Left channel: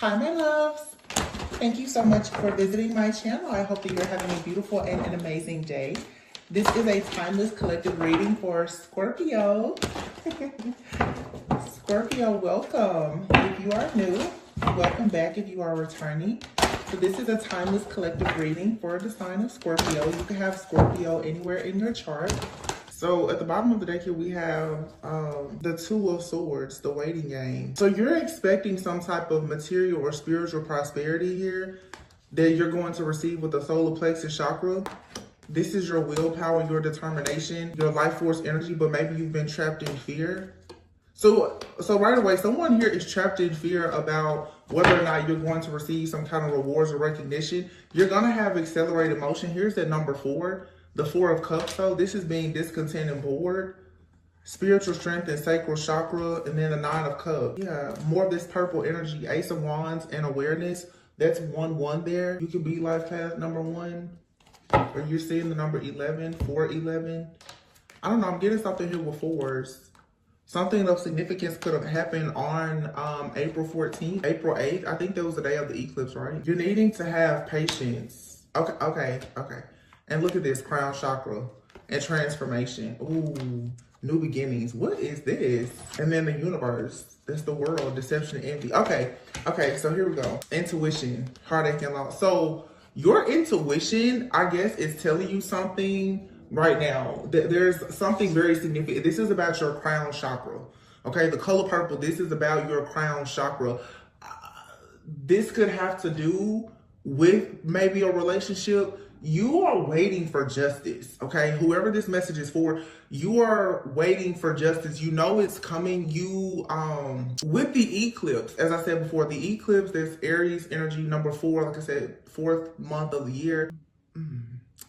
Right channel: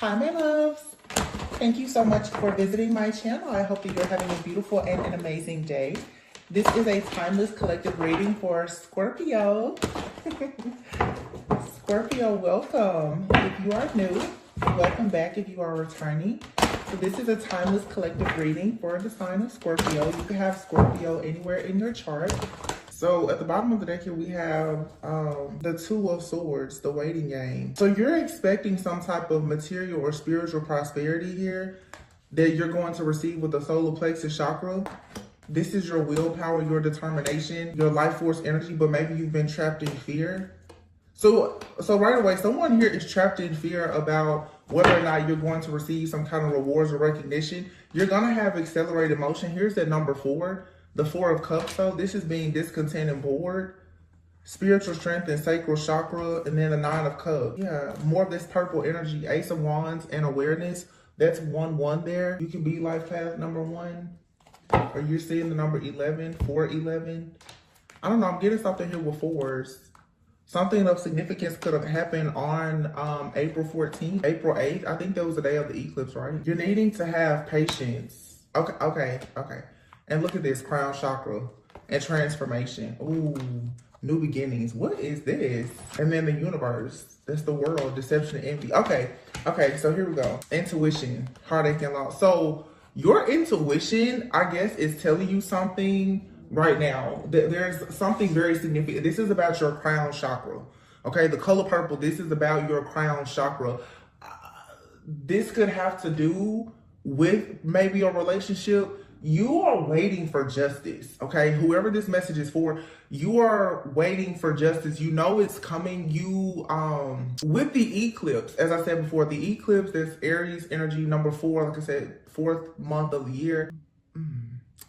Hi, my loves. Thank you so much for visiting my channel. I hope that you're having a beautiful and an amazing day. This is a timeless collective reading for Scorpio. Scorpio, welcome. If you are new, welcome back if you are returning. So this is a timeless collective reading for the sign of Scorpio. You can have Scorpio anywhere in your chart. So at the bottom of the deck here, we have the Two of Swords, the waiting game. So you're expecting some type of material or spiritual prosperity here that you're going to receive with the solar plexus chakra. This is your willpower, your determination, your life force energy, but maybe you've been trapped in fear. So right away, someone here is trapped in fear about whether or not you're going to receive some kind of rewards or recognition. You're going to have accelerated motion. Here's that number 4. The 4 of Cups, though, this is being discontent and bored. Spiritual strength and sacral chakra, and then the 9 of Cups. Yeah, more of this purple energy, Ace of Wands and awareness. That's 1-1 there. You could be life path number 1. Or you're seeing the number 11, 4-11. I don't know, I'm getting something here with 4s. Something of significance could have happened on April 14th, April 8th. I think that was the day of the eclipse, right? You're needing to have patience. Okay. And look at this, crown chakra and transformation. Ooh, new beginnings. What is this? And then the universe. That's the world, deception and envy. Okay, so here we go. Intuition, heartache and loss. So your intuition, I guess, is telling you something right now. There's something very significant. This is about your crown chakra. Okay, the color purple, this is about your crown chakra. This could have to do with maybe a relationship. You are waiting for justice, okay? Whoever this message is for, you are waiting for justice. You know it's coming. You, with the eclipse, as I said before, the eclipse, this Aries energy, number 4, like I said, 4th month of the year.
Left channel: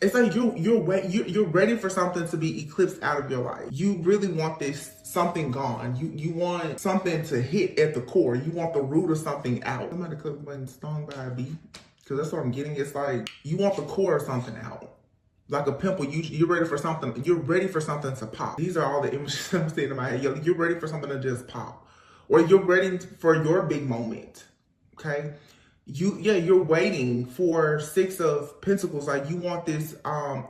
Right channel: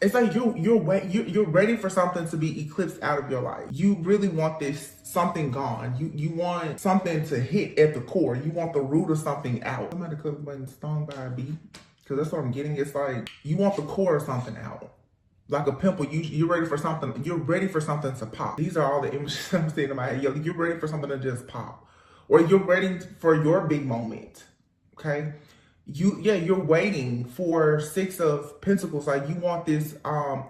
It's like you're ready for something to be eclipsed out of your life. You really want this something gone. You want something to hit at the core. You want the root of something out. Somebody could have been stung by a bee. Because that's what I'm getting. It's like you want the core of something out, like a pimple. You're ready for something. You're ready for something to pop. These are all the images I'm seeing in my head. You're ready for something to just pop, or you're ready for your big moment. Okay, you're waiting for 6 of Pentacles. Like you want this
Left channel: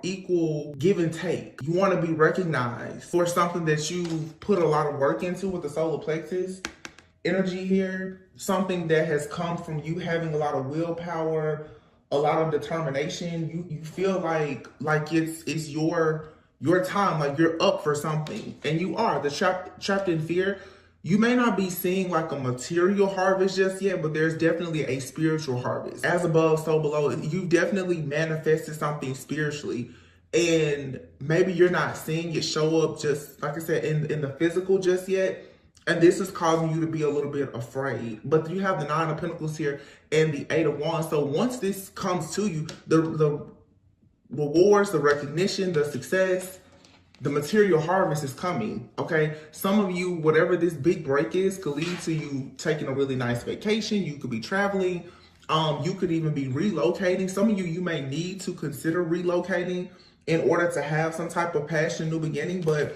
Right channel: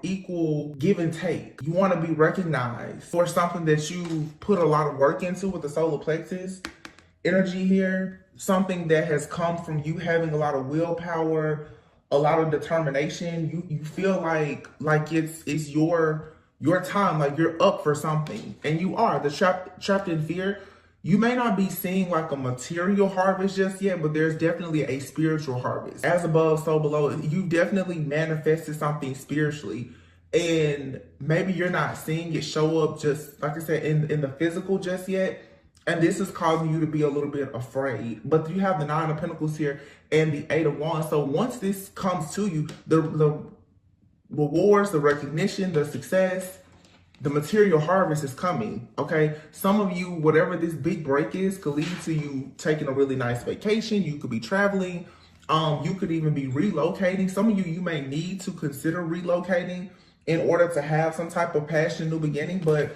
equal give and take. You want to be recognized for something that you've put a lot of work into with the solar plexus energy here. Something that has come from you having a lot of willpower, a lot of determination. You feel like it's your time, like you're up for something. And you are. The trapped in fear. You may not be seeing like a material harvest just yet, but there's definitely a spiritual harvest. As above, so below. You definitely manifested something spiritually. And maybe you're not seeing it show up just, like I said, in the physical just yet. And this is causing you to be a little bit afraid. But you have the 9 of Pentacles here and the 8 of Wands. So once this comes to you, the rewards, the recognition, the success, the material harvest is coming, okay? Some of you, whatever this big break is, could lead to you taking a really nice vacation. You could be traveling. You could even be relocating. Some of you may need to consider relocating in order to have some type of passion, new beginning. But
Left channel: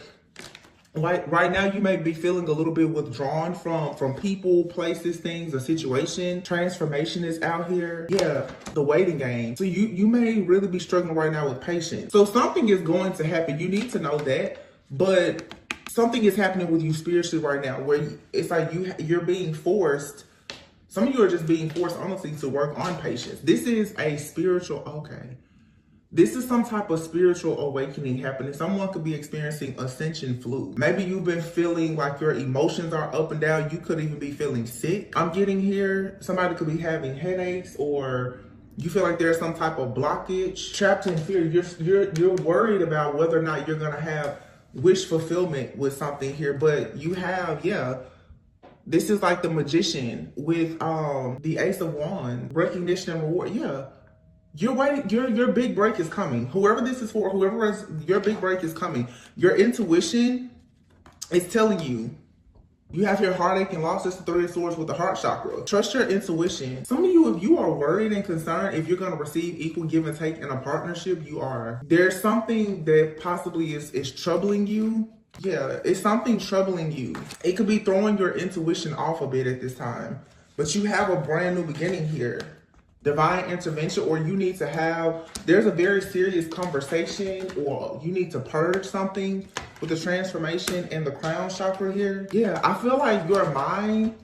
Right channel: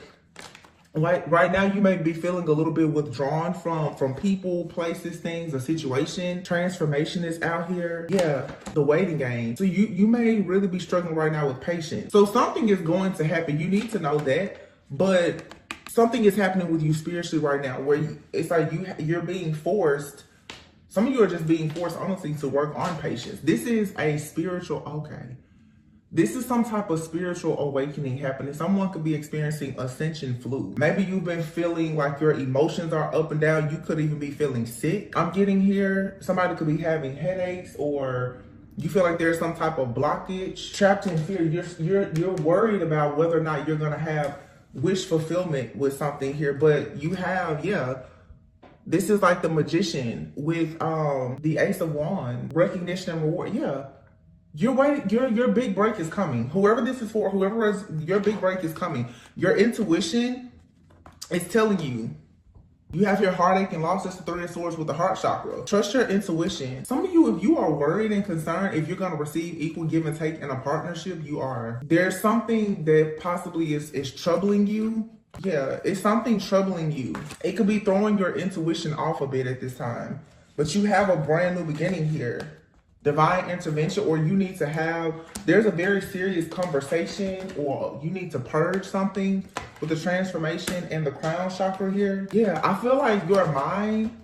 like right now, you may be feeling a little bit withdrawn from people, places, things, a situation. Transformation is out here. Yeah, the waiting game. So you may really be struggling right now with patience. So something is going to happen. You need to know that. But something is happening with you spiritually right now where it's like you're being forced. Some of you are just being forced, honestly, to work on patience. This is a spiritual, okay. This is some type of spiritual awakening happening. Someone could be experiencing ascension flu. Maybe you've been feeling like your emotions are up and down. You could even be feeling sick. I'm getting here. Somebody could be having headaches, or you feel like there's some type of blockage. Trapped in fear. You're worried about whether or not you're gonna have wish fulfillment with something here. But you have, yeah. This is like the magician with the Ace of Wands. Recognition and reward. Yeah. You're waiting. Your big break is coming. Whoever this is for, whoever is, your big break is coming. Your intuition is telling you. You have your heartache and loss. It's the 3 of Swords with the heart chakra. Trust your intuition. Some of you, if you are worried and concerned if you're going to receive equal give and take in a partnership, you are. There's something that possibly is troubling you. Yeah, it's something troubling you. It could be throwing your intuition off a bit at this time. But you have a brand new beginning here. Divine intervention, or you need to have, there's a very serious conversation, or you need to purge something with the transformation and the crown chakra here. Yeah, I feel like your mind,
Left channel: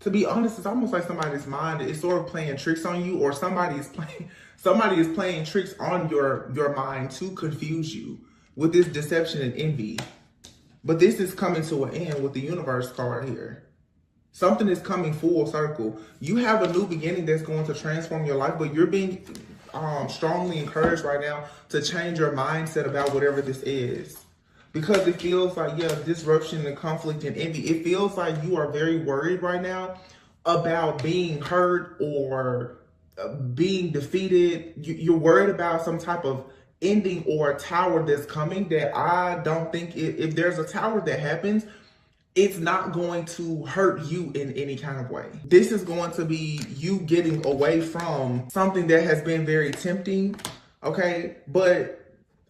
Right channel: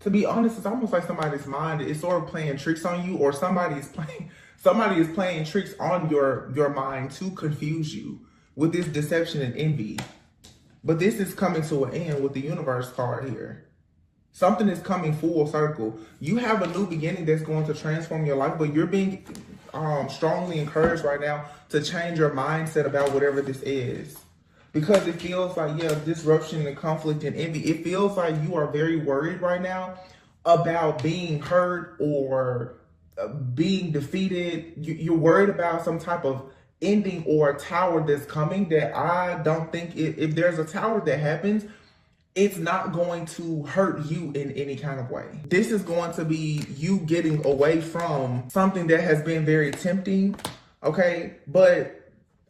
to be honest, it's almost like somebody's mind is sort of playing tricks on you, or somebody is playing tricks on your mind to confuse you with this deception and envy. But this is coming to an end with the universe card here. Something is coming full circle. You have a new beginning that's going to transform your life, but you're being strongly encouraged right now to change your mindset about whatever this is. Because it feels like, yeah, disruption and conflict and envy. It feels like you are very worried right now about being hurt or being defeated. You're worried about some type of ending or a tower that's coming that I don't think, if there's a tower that happens, it's not going to hurt you in any kind of way. This is going to be you getting away from something that has been very tempting, okay? But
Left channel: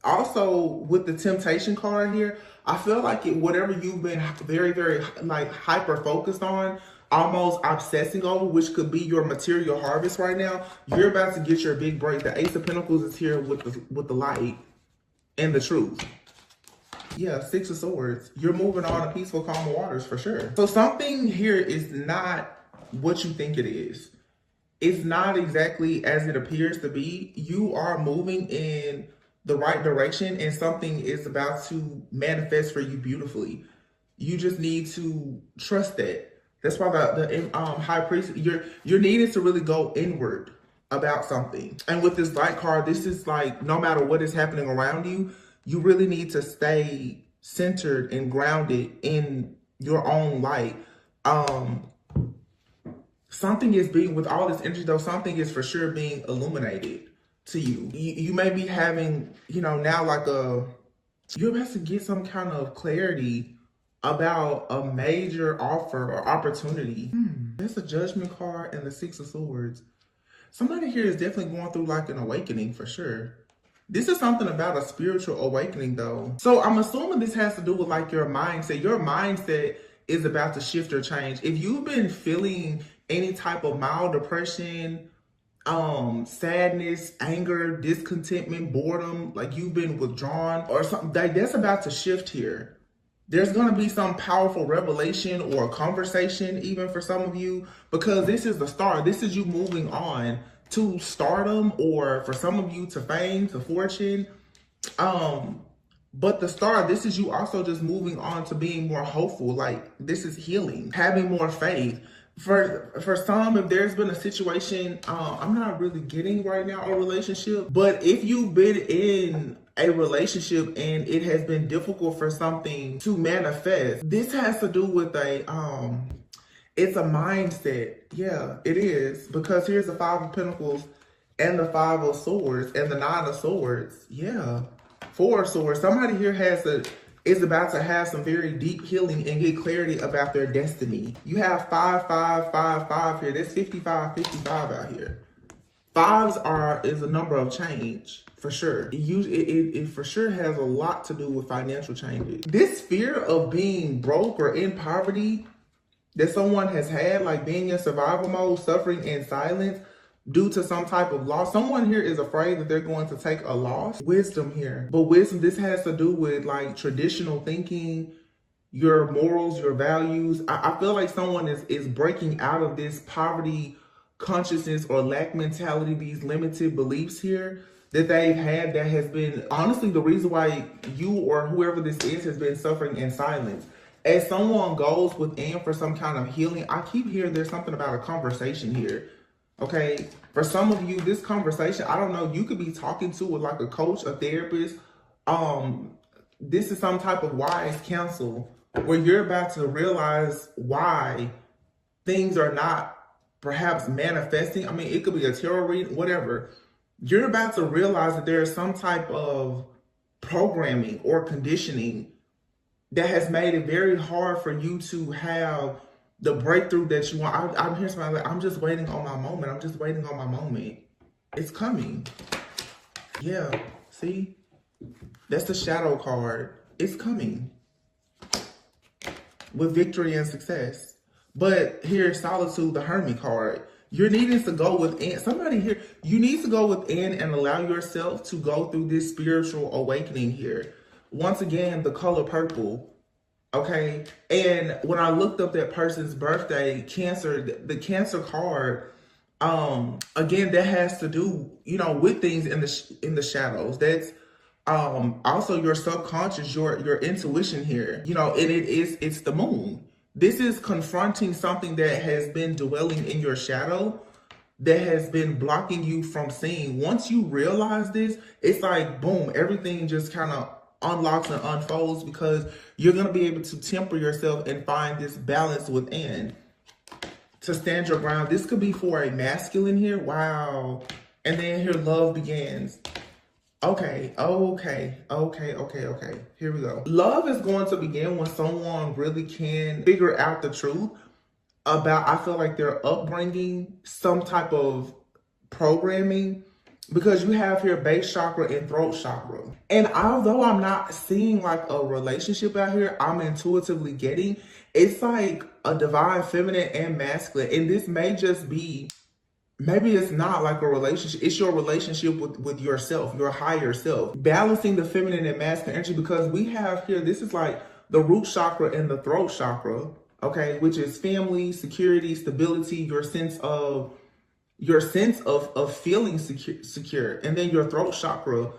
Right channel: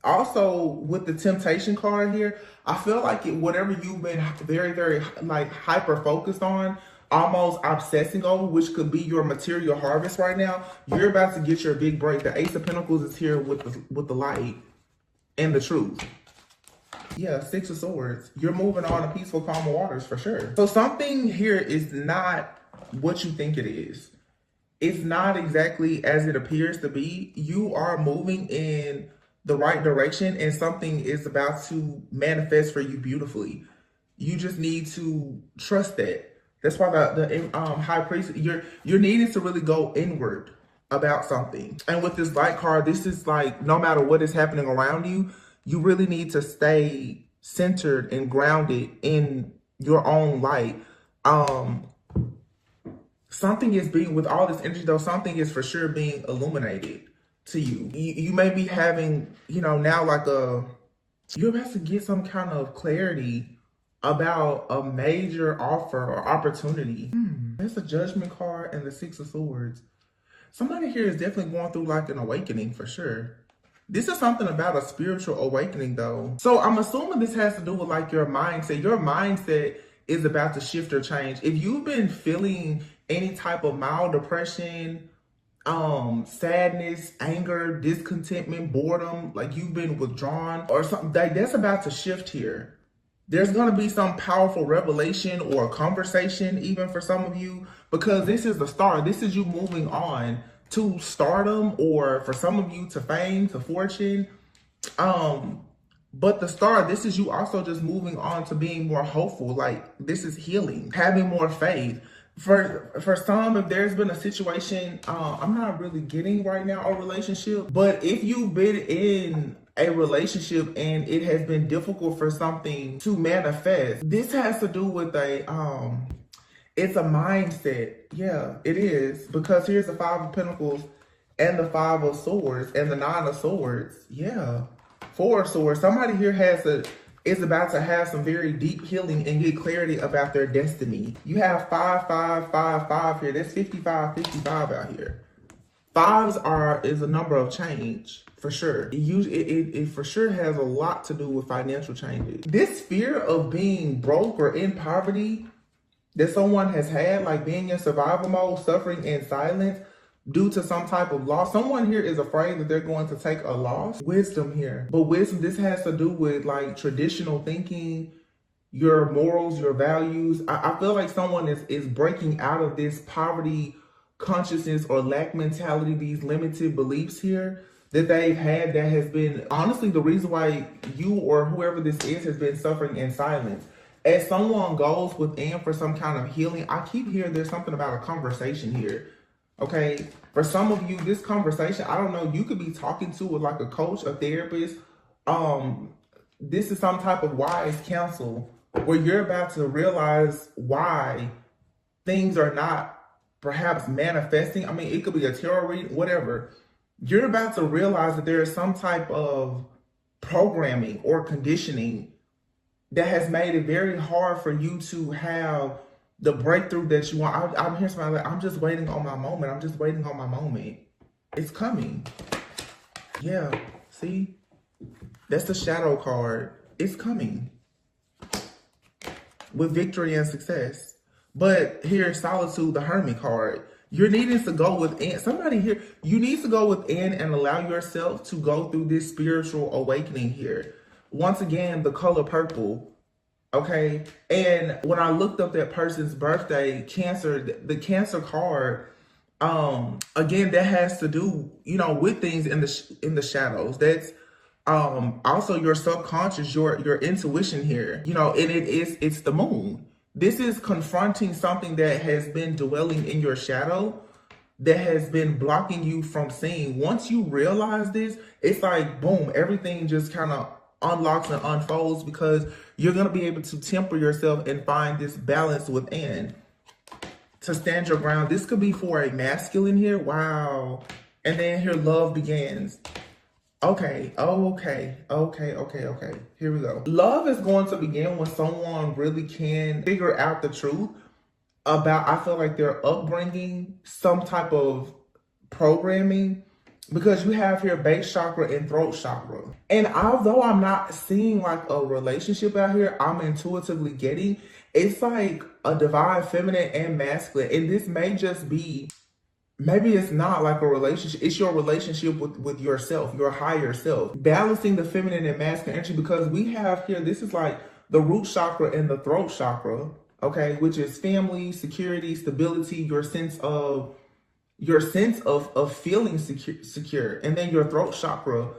also with the temptation card here, I feel like whatever you've been very, very like hyper focused on, almost obsessing over, which could be your material harvest right now, you're about to get your big break. The Ace of Pentacles is here with the light and the truth. Yeah, Six of Swords. You're moving on to peaceful, calm waters for sure. So something here is not what you think it is. It's not exactly as it appears to be. You are moving in the right direction, and something is about to manifest for you beautifully. You just need to trust that. That's why the High Priest, you're needing to really go inward about something. And with this light card, this is like, no matter what is happening around you, you really need to stay centered and grounded in your own light. Something is being, with all this energy though, something is for sure being illuminated to you. You may be having, now like you're about to get some kind of clarity about a major offer or opportunity. There's a Judgment card and the Six of Swords. Somebody here is definitely going through like an awakening for sure. This is something about a spiritual awakening though. So I'm assuming this has to do with like your mindset. Your mindset is about to shift or change. If you've been feeling any type of mild depression, sadness, anger, discontentment, boredom, like you've been withdrawn or something, that's about to shift here. There's going to be some powerful revelation or a conversation even for some of you, because this is the start. This is you moving on to stardom, or for some of you to fame, to fortune. But the start, this is you also just moving on to being more hopeful. Like this is healing, having more faith. For some, if there's been a situation, I'm not really getting right now a relationship, but if you've been in a relationship and it has been difficult for something to manifest, this has to do with it's a mindset. Yeah, it is. Because here's the Five of Pentacles and the Five of Swords and the Nine of Swords. Yeah. Four of Swords. Somebody here is about to have some very deep healing and get clarity about their destiny. You have 5, 5, 5, 5 here. That's 55, 55 out here. Fives is a number of change. For sure. It for sure has a lot to do with financial changes. This fear of being broke or in poverty that someone has had, like being in survival mode, suffering in silence due to some type of loss. Someone here is afraid that they're going to take a loss. Wisdom here. But wisdom, this has to do with like traditional thinking, your morals, your values. I feel like someone is breaking out of this poverty consciousness or lack mentality, these limited beliefs here that they've had, that has been honestly the reason why you or whoever this is has been suffering in silence. As someone goes within for some kind of healing, I keep hearing there's something about a conversation here. Okay, for some of you, this conversation, I don't know, you could be talking to like a coach, a therapist. This is some type of wise counsel where you're about to realize why things are not perhaps manifesting. I mean, it could be a tarot reading, whatever. You're about to realize that there is some type of programming or conditioning that has made it very hard for you to have the breakthrough that you want. I'm hearing somebody like, I'm just waiting on my moment. I'm just waiting on my moment. It's coming. Yeah, see? That's the shadow card. It's coming. With victory and success. But here's solitude, the Hermit card. You're needing to go within. Somebody here, you need to go within and allow yourself to go through this spiritual awakening here. Once again, the color purple. Okay. And when I looked up that person's birthday, Cancer, the Cancer card, again, that has to do, you know, with things in the shadows. That's also your subconscious, your intuition here, you know, and it's the moon. This is confronting something that has been dwelling in your shadow, that has been blocking you from seeing. Once you realize this, it's like, boom, everything just kind of unlocks and unfolds, because you're going to be able to temper yourself and find this balance within to stand your ground. This could be for a masculine here. Wow. And then here, love begins. Okay. Here we go. Love is going to begin when someone really can figure out the truth about, I feel like, their upbringing, some type of programming, because you have here base chakra and throat chakra. And although I'm not seeing like a relationship out here, I'm intuitively getting, it's like a divine feminine and masculine. And this may just be, maybe it's not like a relationship. It's your relationship with yourself, your higher self. Balancing the feminine and masculine energy, because we have here, this is like the root chakra and the throat chakra, okay, which is family, security, stability, your sense of feeling secure. And then your throat chakra,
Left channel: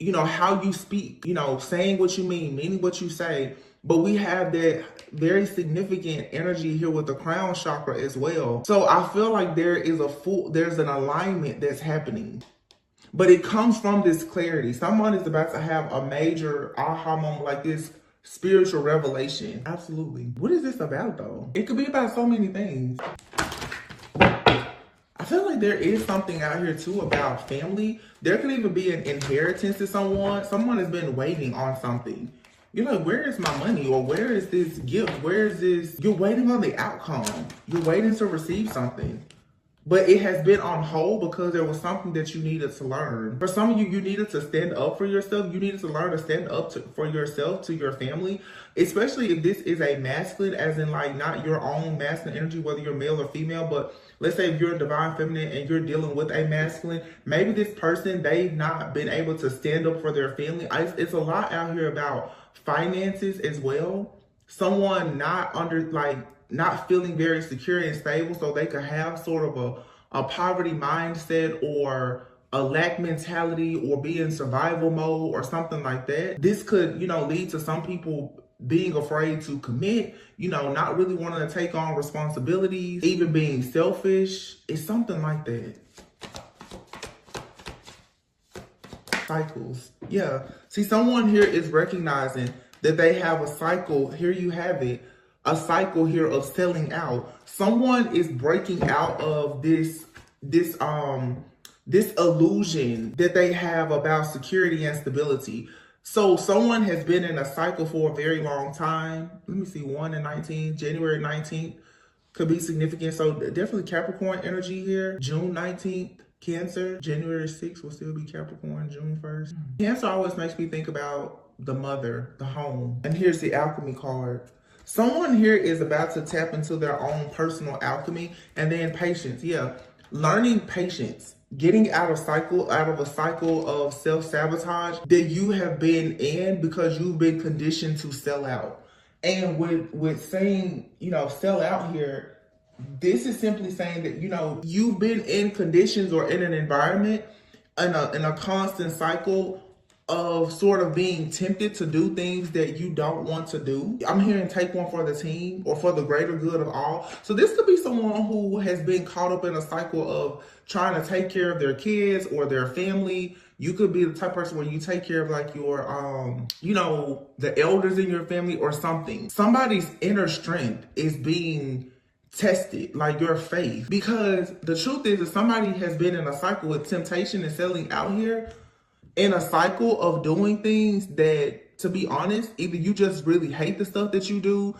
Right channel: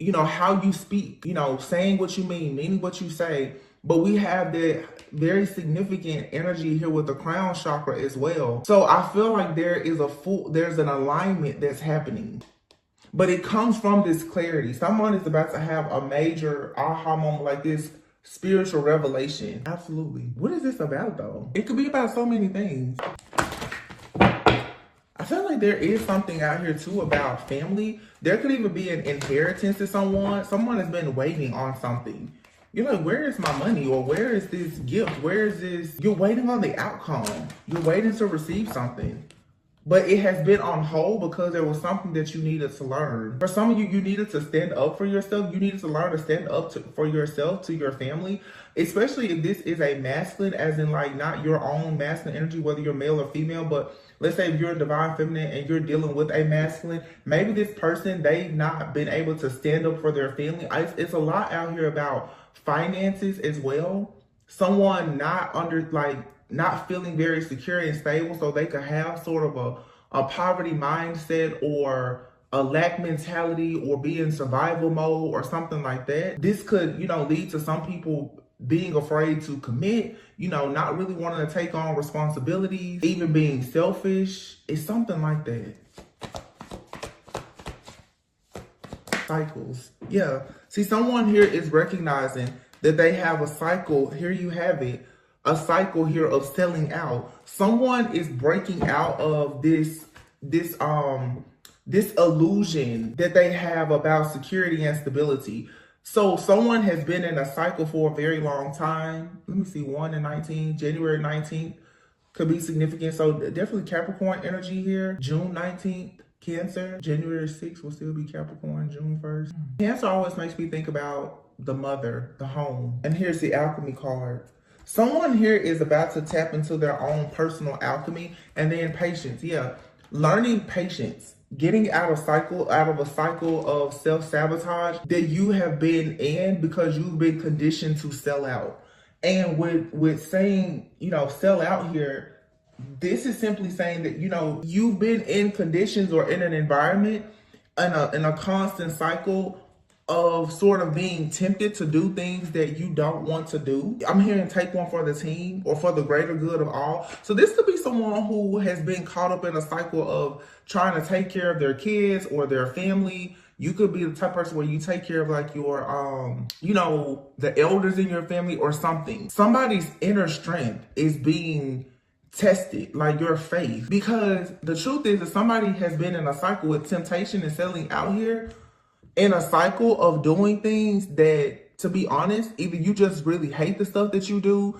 you know, how you speak, you know, saying what you meaning what you say. But we have that very significant energy here with the crown chakra as well. So I feel like there's an alignment that's happening, but it comes from this clarity. Someone is about to have a major aha moment, like this spiritual revelation. Absolutely. What is this about though? It could be about so many things. I feel like there is something out here too about family. There could even be an inheritance to someone. Someone has been waiting on something. You're like, where is my money? Or where is this gift? Where is this? You're waiting on the outcome. You're waiting to receive something. But it has been on hold because there was something that you needed to learn. For some of you, you needed to stand up for yourself. You needed to learn to stand up for yourself, to your family. Especially if this is a masculine, as in like not your own masculine energy, whether you're male or female. But let's say if you're a divine feminine and you're dealing with a masculine, maybe this person, they've not been able to stand up for their family. It's a lot out here about finances as well. Someone not feeling very secure and stable, so they could have sort of a poverty mindset or a lack mentality or be in survival mode or something like that. This could, you know, lead to some people being afraid to commit, you know, not really wanting to take on responsibilities, even being selfish. It's something like that. Cycles. Yeah. See, someone here is recognizing that they have a cycle. Here you have it. A cycle here of selling out. Someone is breaking out of this illusion that they have about security and stability. So someone has been in a cycle for a very long time. Let me see, 1 and 19, January 19th could be significant. So definitely Capricorn energy here. June 19th, Cancer. January 6th will still be Capricorn, June 1st. Cancer always makes me think about the mother, the home. And here's the alchemy card. Someone here is about to tap into their own personal alchemy. And then patience. Yeah. Learning patience. Getting out of a cycle of self-sabotage that you have been in because you've been conditioned to sell out. And with saying, you know, sell out here, this is simply saying that, you know, you've been in conditions or in an environment in a constant cycle of sort of being tempted to do things that you don't want to do. I'm hearing take one for the team or for the greater good of all. So this could be someone who has been caught up in a cycle of trying to take care of their kids or their family. You could be the type of person where you take care of like your, you know, the elders in your family or something. Somebody's inner strength is being tested, like your faith. Because the truth is that somebody has been in a cycle with temptation and selling out here, in a cycle of doing things that, to be honest, either you just really hate the stuff that you do.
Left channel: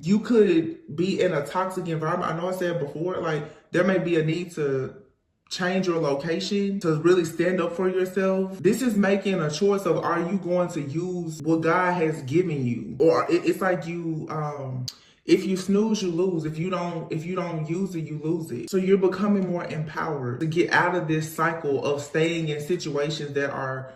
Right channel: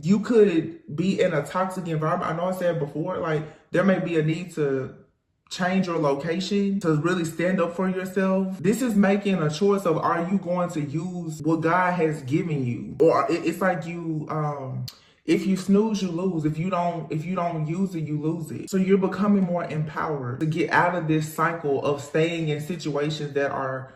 You could be in a toxic environment. I know I said before, like there may be a need to change your location to really stand up for yourself. This is making a choice of, are you going to use what God has given you? Or it's like If you snooze, you lose. If you don't use it, you lose it. So you're becoming more empowered to get out of this cycle of staying in situations that are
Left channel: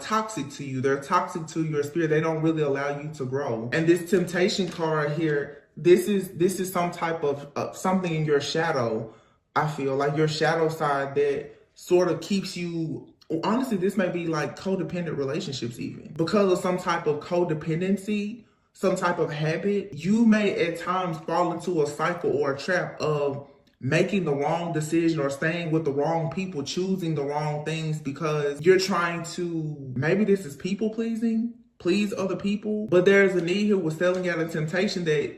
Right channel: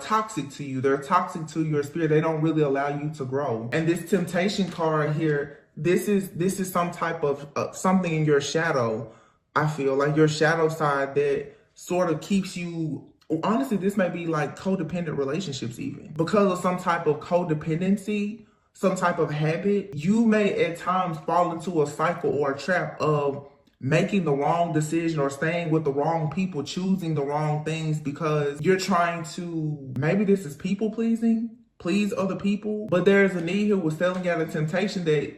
toxic to you. They're toxic to your spirit. They don't really allow you to grow. And this temptation card here, this is some type of something in your shadow. I feel like your shadow side that sort of keeps you. Honestly, this may be like codependent relationships even. Because of some type of codependency, some type of habit, you may at times fall into a cycle or a trap of making the wrong decision or staying with the wrong people, choosing the wrong things because you're trying to, maybe this is people pleasing, please other people. But there's a need here with selling out of temptation that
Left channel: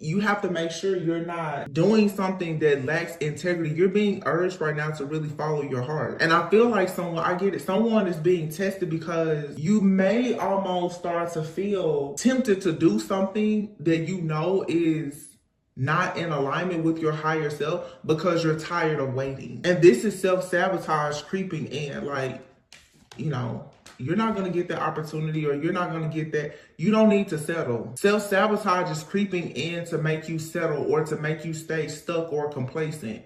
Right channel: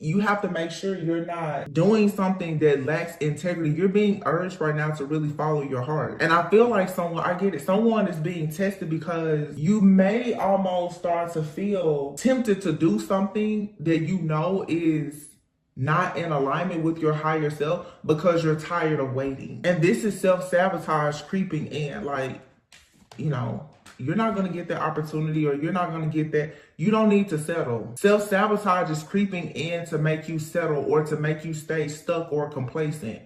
you have to make sure you're not doing something that lacks integrity. You're being urged right now to really follow your heart. And I feel like I get it. Someone is being tested because you may almost start to feel tempted to do something that you know is not in alignment with your higher self because you're tired of waiting. And this is self-sabotage creeping in. Like, you know, you're not going to get that opportunity or you're not going to get that. You don't need to settle. Self-sabotage is creeping in to make you settle or to make you stay stuck or complacent.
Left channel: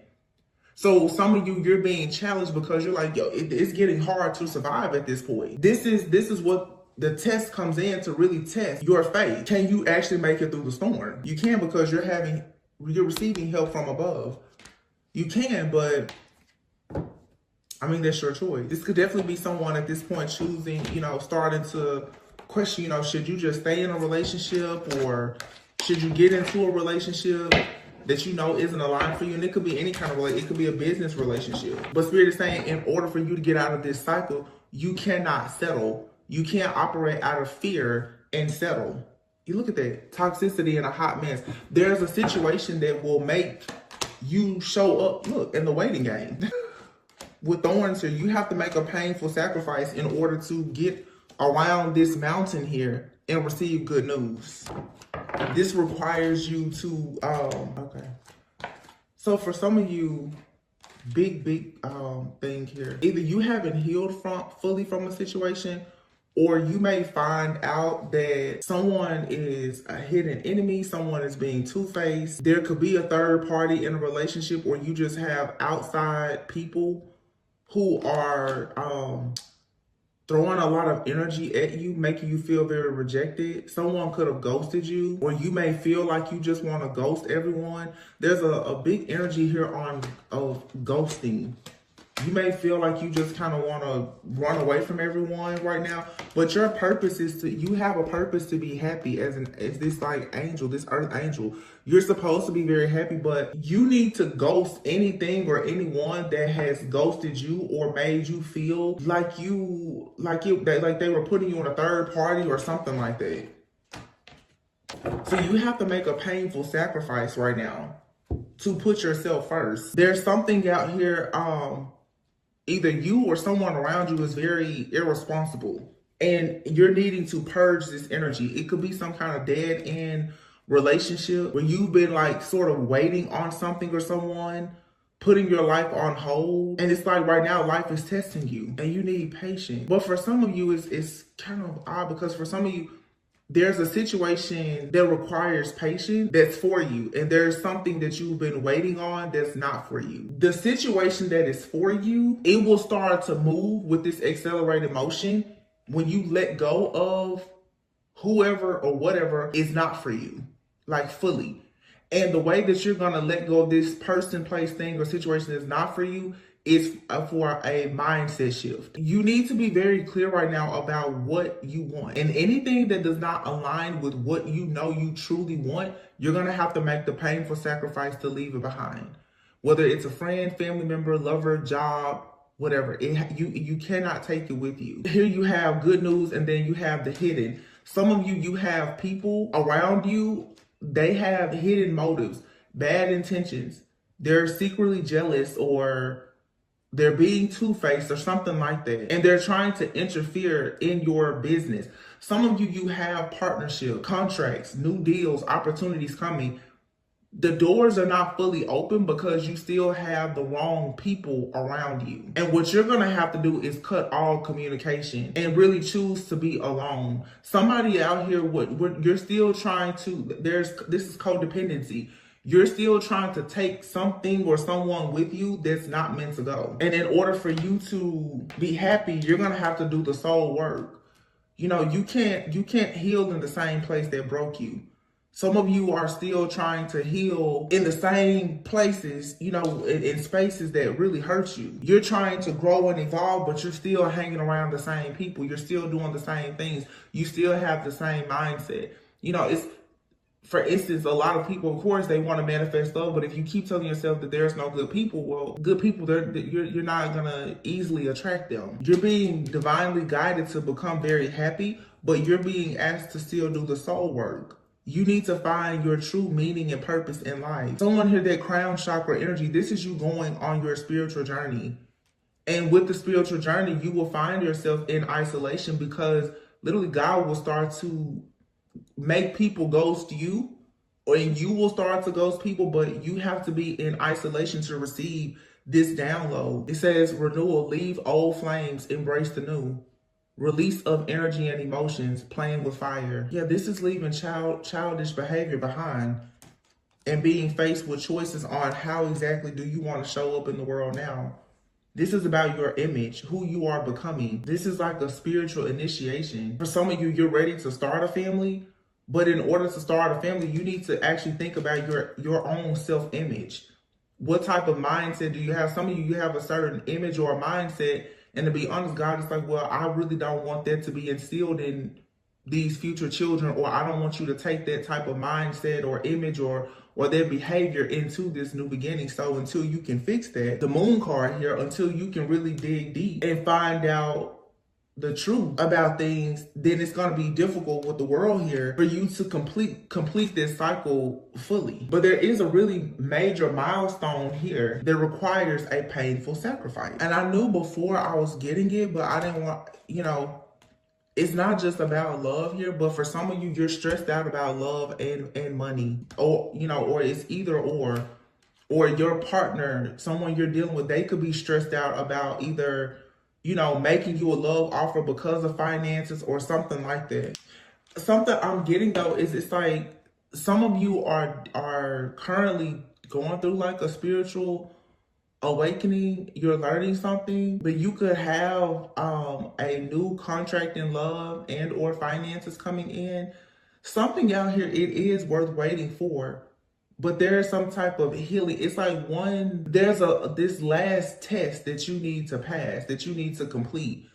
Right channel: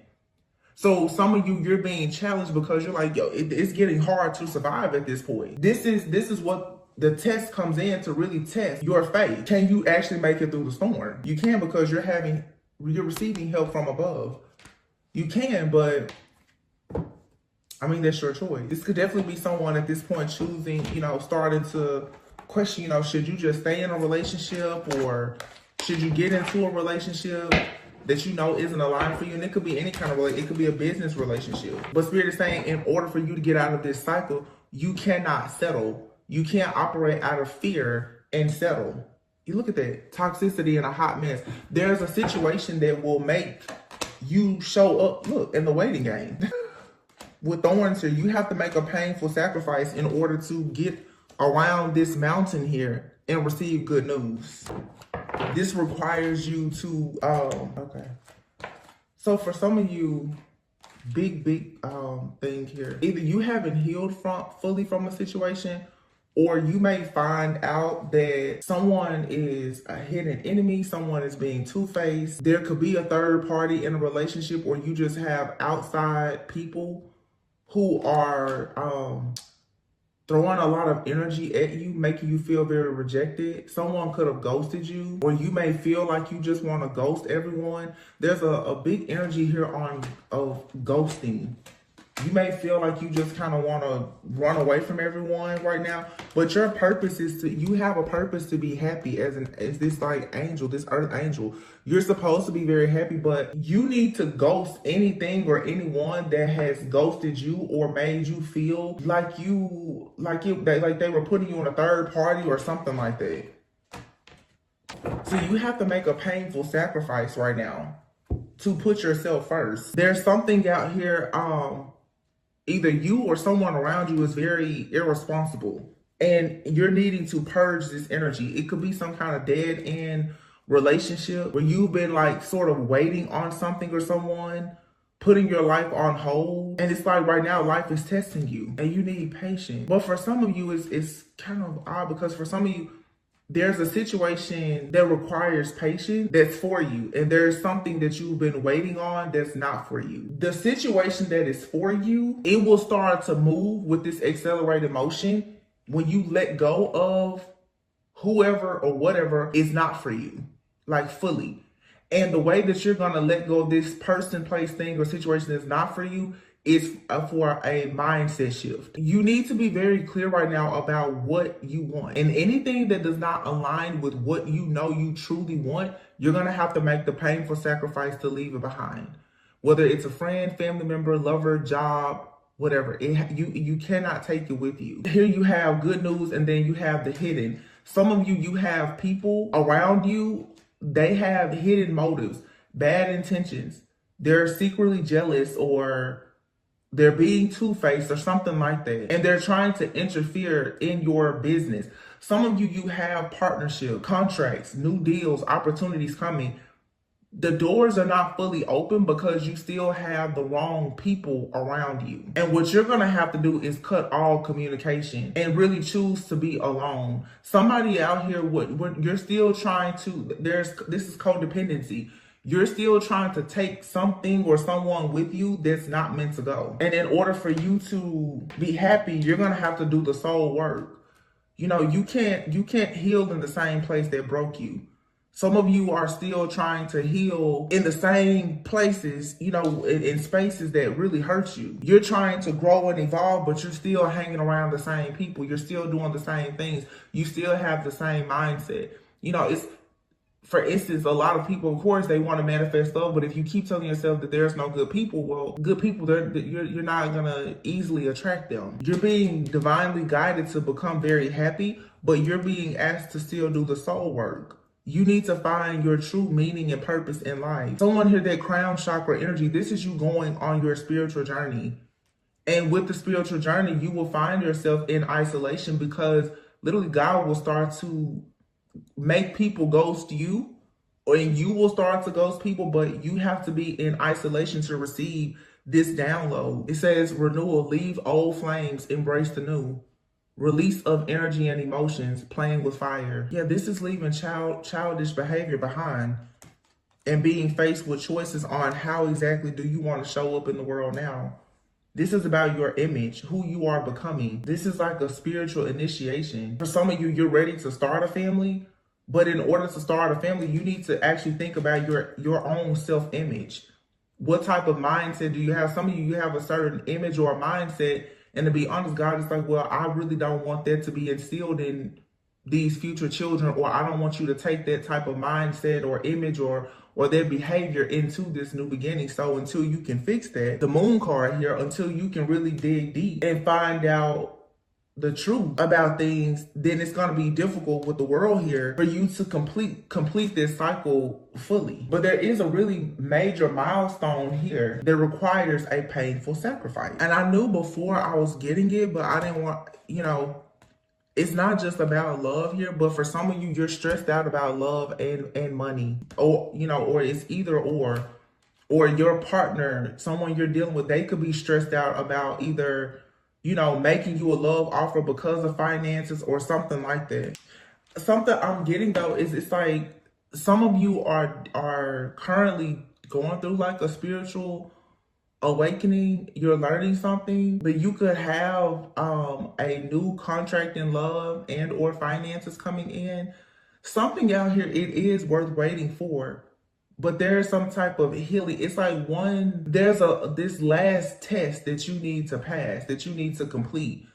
So some of you, you're being challenged because you're like, yo, it's getting hard to survive at this point. This is what the test comes in to really test your faith. Can you actually make it through the storm? You can because you're receiving help from above. You can, but I mean, that's your choice. This could definitely be someone at this point choosing, you know, starting to question, you know, should you just stay in a relationship or should you get into a relationship that you know isn't aligned for you? And it could be any kind of relationship. It could be a business relationship. But Spirit is saying in order for you to get out of this cycle, you cannot settle. You can't operate out of fear and settle. You look at that toxicity and a hot mess. There's a situation that will make you show up, look, in the waiting game. With thorns here, you have to make a painful sacrifice in order to get around this mountain here and receive good news. This requires you to, okay. So for some of you, big thing here. Either you haven't healed fully from a situation, or you may find out that someone is a hidden enemy, someone is being two-faced. There could be a third party in a relationship, or you just have outside people who are throwing a lot of energy at you, making you feel very rejected. Someone could have ghosted you, or you may feel like you just want to ghost everyone. There's a big energy here of ghosting. You may feel like you just kind of want to run away from everyone right now, but your purpose is you have a purpose to be happy as this like angel, this earth angel. You're supposed to be very happy, but you need to ghost anything or anyone that has ghosted you or made you feel like they were putting you on a third party or something like that. So you have to make a painful sacrifice right now to put yourself first. There's something out here, either you or someone around you is very irresponsible and you're needing to purge this energy. It could be some kind of dead end relationship where you've been like sort of waiting on something or someone, putting your life on hold. And it's like right now life is testing you and you need patience. But for some of you, it's kind of odd because for some of you, there's a situation that requires patience that's for you. And there's something that you've been waiting on that's not for you. The situation that is for you, it will start to move with this accelerated motion when you let go of whoever or whatever is not for you, like fully. And the way that you're going to let go of this person, place, thing, or situation that's not for you is for a mindset shift. You need to be very clear right now about what you want. And anything that does not align with what you know you truly want, you're going to have to make the painful sacrifice to leave it behind. Whether it's a friend, family member, lover, job, whatever. You cannot take it with you. Here you have good news and then you have the hidden. Some of you have people around you, they have hidden motives, bad intentions. They're secretly jealous or they're being two-faced or something like that. And they're trying to interfere in your business. Some of you have partnership, contracts, new deals, opportunities coming. the doors are not fully open because you still have the wrong people around you. And what you're going to have to do is cut all communication and really choose to be alone. Somebody out here, you're still trying to, this is codependency. You're still trying to take something or someone with you that's not meant to go. And in order for you to be happy, you're going to have to do the soul work. You know, you can't heal in the same place that broke you. Some of you are still trying to heal in the same places, you know, in spaces that really hurt you. You're trying to grow and evolve, but you're still hanging around the same people. You're still doing the same things. You still have the same mindset. You know, it's, for instance, a lot of people, of course, they want to manifest love, but if you keep telling yourself that there's no good people, well, good people, you're not going to easily attract them. You're being divinely guided to become very happy, but you're being asked to still do the soul work. You need to find your true meaning and purpose in life. Someone here, that crown chakra energy, this is you going on your spiritual journey. And with the spiritual journey, you will find yourself in isolation because literally God will start to make people ghost you, and you will start to ghost people, but you have to be in isolation to receive this download. It says renewal, leave old flames, embrace the new. Release of energy and emotions, playing with fire. Yeah, this is leaving childish behavior behind and being faced with choices on how exactly do you want to show up in the world now. This is about your image, who you are becoming. This is like a spiritual initiation. For some of you, you're ready to start a family, but in order to start a family, you need to actually think about your own self-image. What type of mindset do you have? Some of you have a certain image or a mindset. And to be honest, God is like, well, I really don't want that to be instilled in these future children, or I don't want you to take that type of mindset or image or their behavior into this new beginning. So until you can fix that, the moon card here, until you can really dig deep and find out the truth about things, then it's going to be difficult with the world here for you to complete this cycle fully. But there is a really major milestone here that requires a painful sacrifice. And I knew before I was getting it, but I didn't want, you know, it's not just about love here, but for some of you, you're stressed out about love and money, or, you know, or it's either or your partner, someone you're dealing with, they could be stressed out about either, you know, making you a love offer because of finances or something like that. Something I'm getting though is it's like some of you are currently going through like a spiritual awakening. You're learning something, but you could have a new contract in love and or finances coming in. Something out here, it is worth waiting for. But there's some type of healing. It's like there's this last test that you need to pass, that you need to complete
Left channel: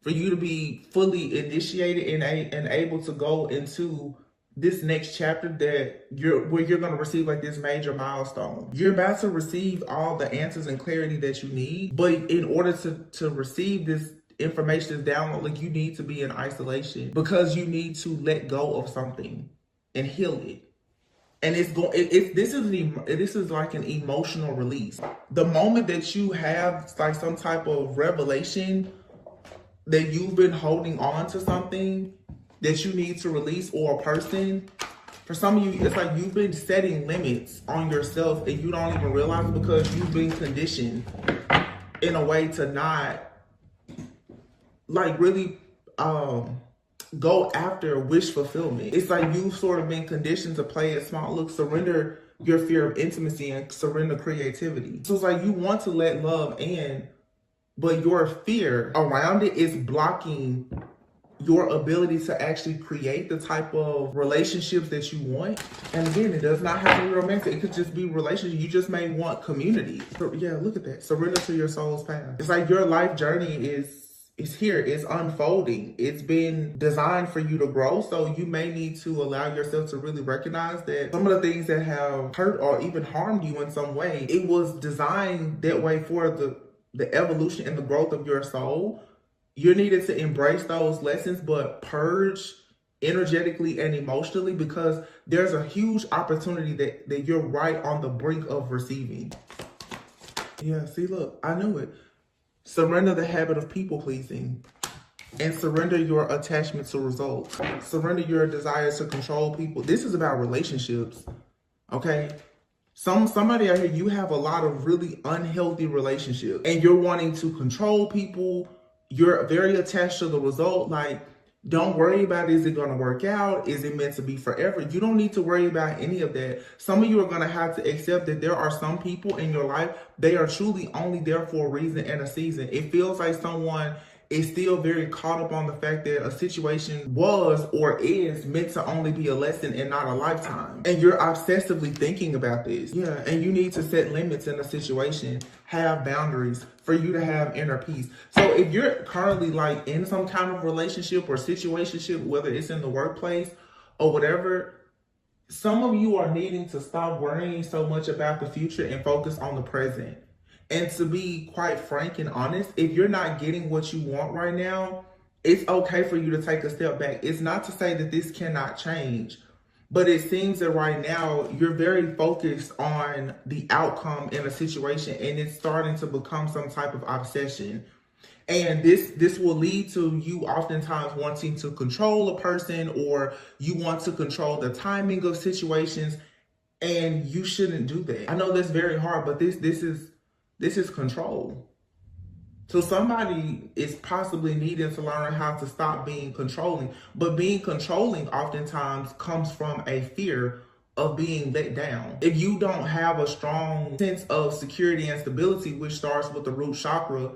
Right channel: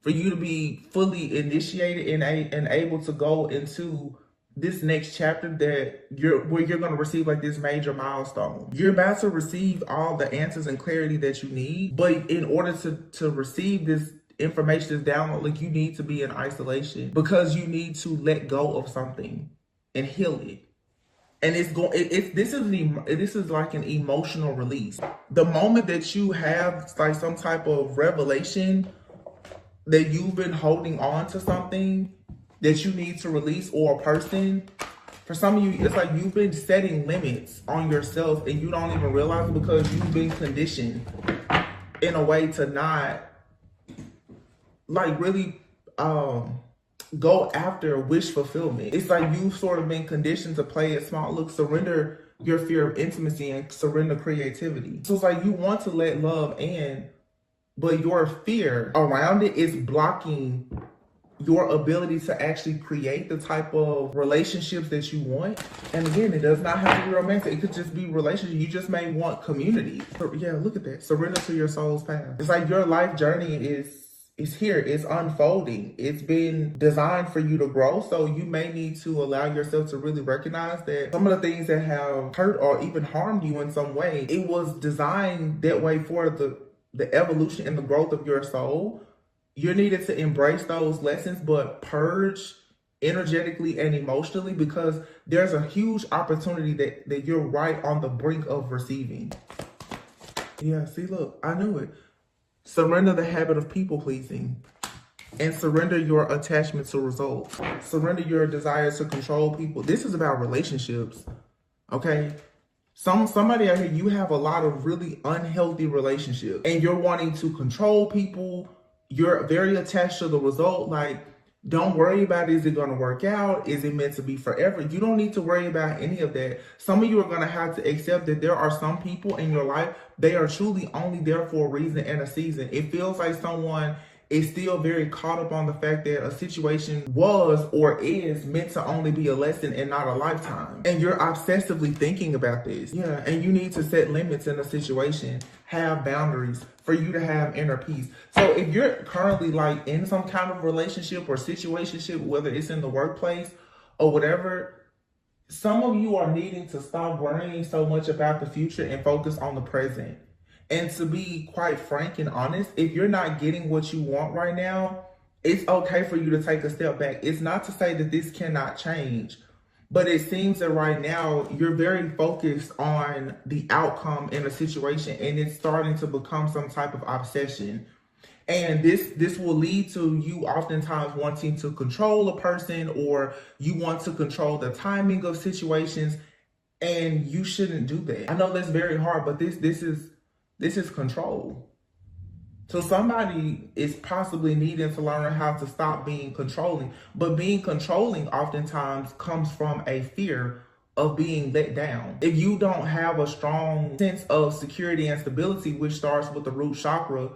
for you to be fully initiated and able to go into this next chapter where you're going to receive like this major milestone. You're about to receive all the answers and clarity that you need, but in order to receive this information, this download, like you need to be in isolation because you need to let go of something and heal it. And this is like an emotional release. The moment that you have like some type of revelation that you've been holding on to something that you need to release, or a person, for some of you, it's like you've been setting limits on yourself and you don't even realize it because you've been conditioned in a way to not like really go after wish fulfillment. It's like you've sort of been conditioned to play it small. Look, surrender your fear of intimacy and surrender creativity. So it's like you want to let love in, but your fear around it is blocking your ability to actually create the type of relationships that you want. And again, it does not have to be romantic. It could just be relationships. You just may want community. So yeah, look at that. Surrender to your soul's path. It's like your life journey is here. It's unfolding. It's been designed for you to grow. So you may need to allow yourself to really recognize that some of the things that have hurt or even harmed you in some way, it was designed that way for the evolution and the growth of your soul. You needed to embrace those lessons, but purge energetically and emotionally, because there's a huge opportunity that you're right on the brink of receiving. Yeah, see, look, I knew it. Surrender the habit of people pleasing and surrender your attachment to results. Surrender your desire to control people. This is about relationships, okay? Somebody out here, you have a lot of really unhealthy relationships and you're wanting to control people. You're very attached to the result. Like, don't worry about, is it going to work out? Is it meant to be forever? You don't need to worry about any of that. Some of you are going to have to accept that there are some people in your life, they are truly only there for a reason and a season. It feels like someone is still very caught up on the fact that a situation was or is meant to only be a lesson and not a lifetime. And you're obsessively thinking about this. Yeah, and you need to set limits in a situation, have boundaries for you to have inner peace. So if you're currently like in some kind of relationship or situationship, whether it's in the workplace or whatever, some of you are needing to stop worrying so much about the future and focus on the present. And to be quite frank and honest, if you're not getting what you want right now, it's okay for you to take a step back. It's not to say that this cannot change, but it seems that right now you're very focused on the outcome in a situation and it's starting to become some type of obsession. And this will lead to you oftentimes wanting to control a person, or you want to control the timing of situations, and you shouldn't do that. I know that's very hard, but this is control. So somebody is possibly needing to learn how to stop being controlling. But being controlling oftentimes comes from a fear of being let down. If you don't have a strong sense of security and stability, which starts with the root chakra,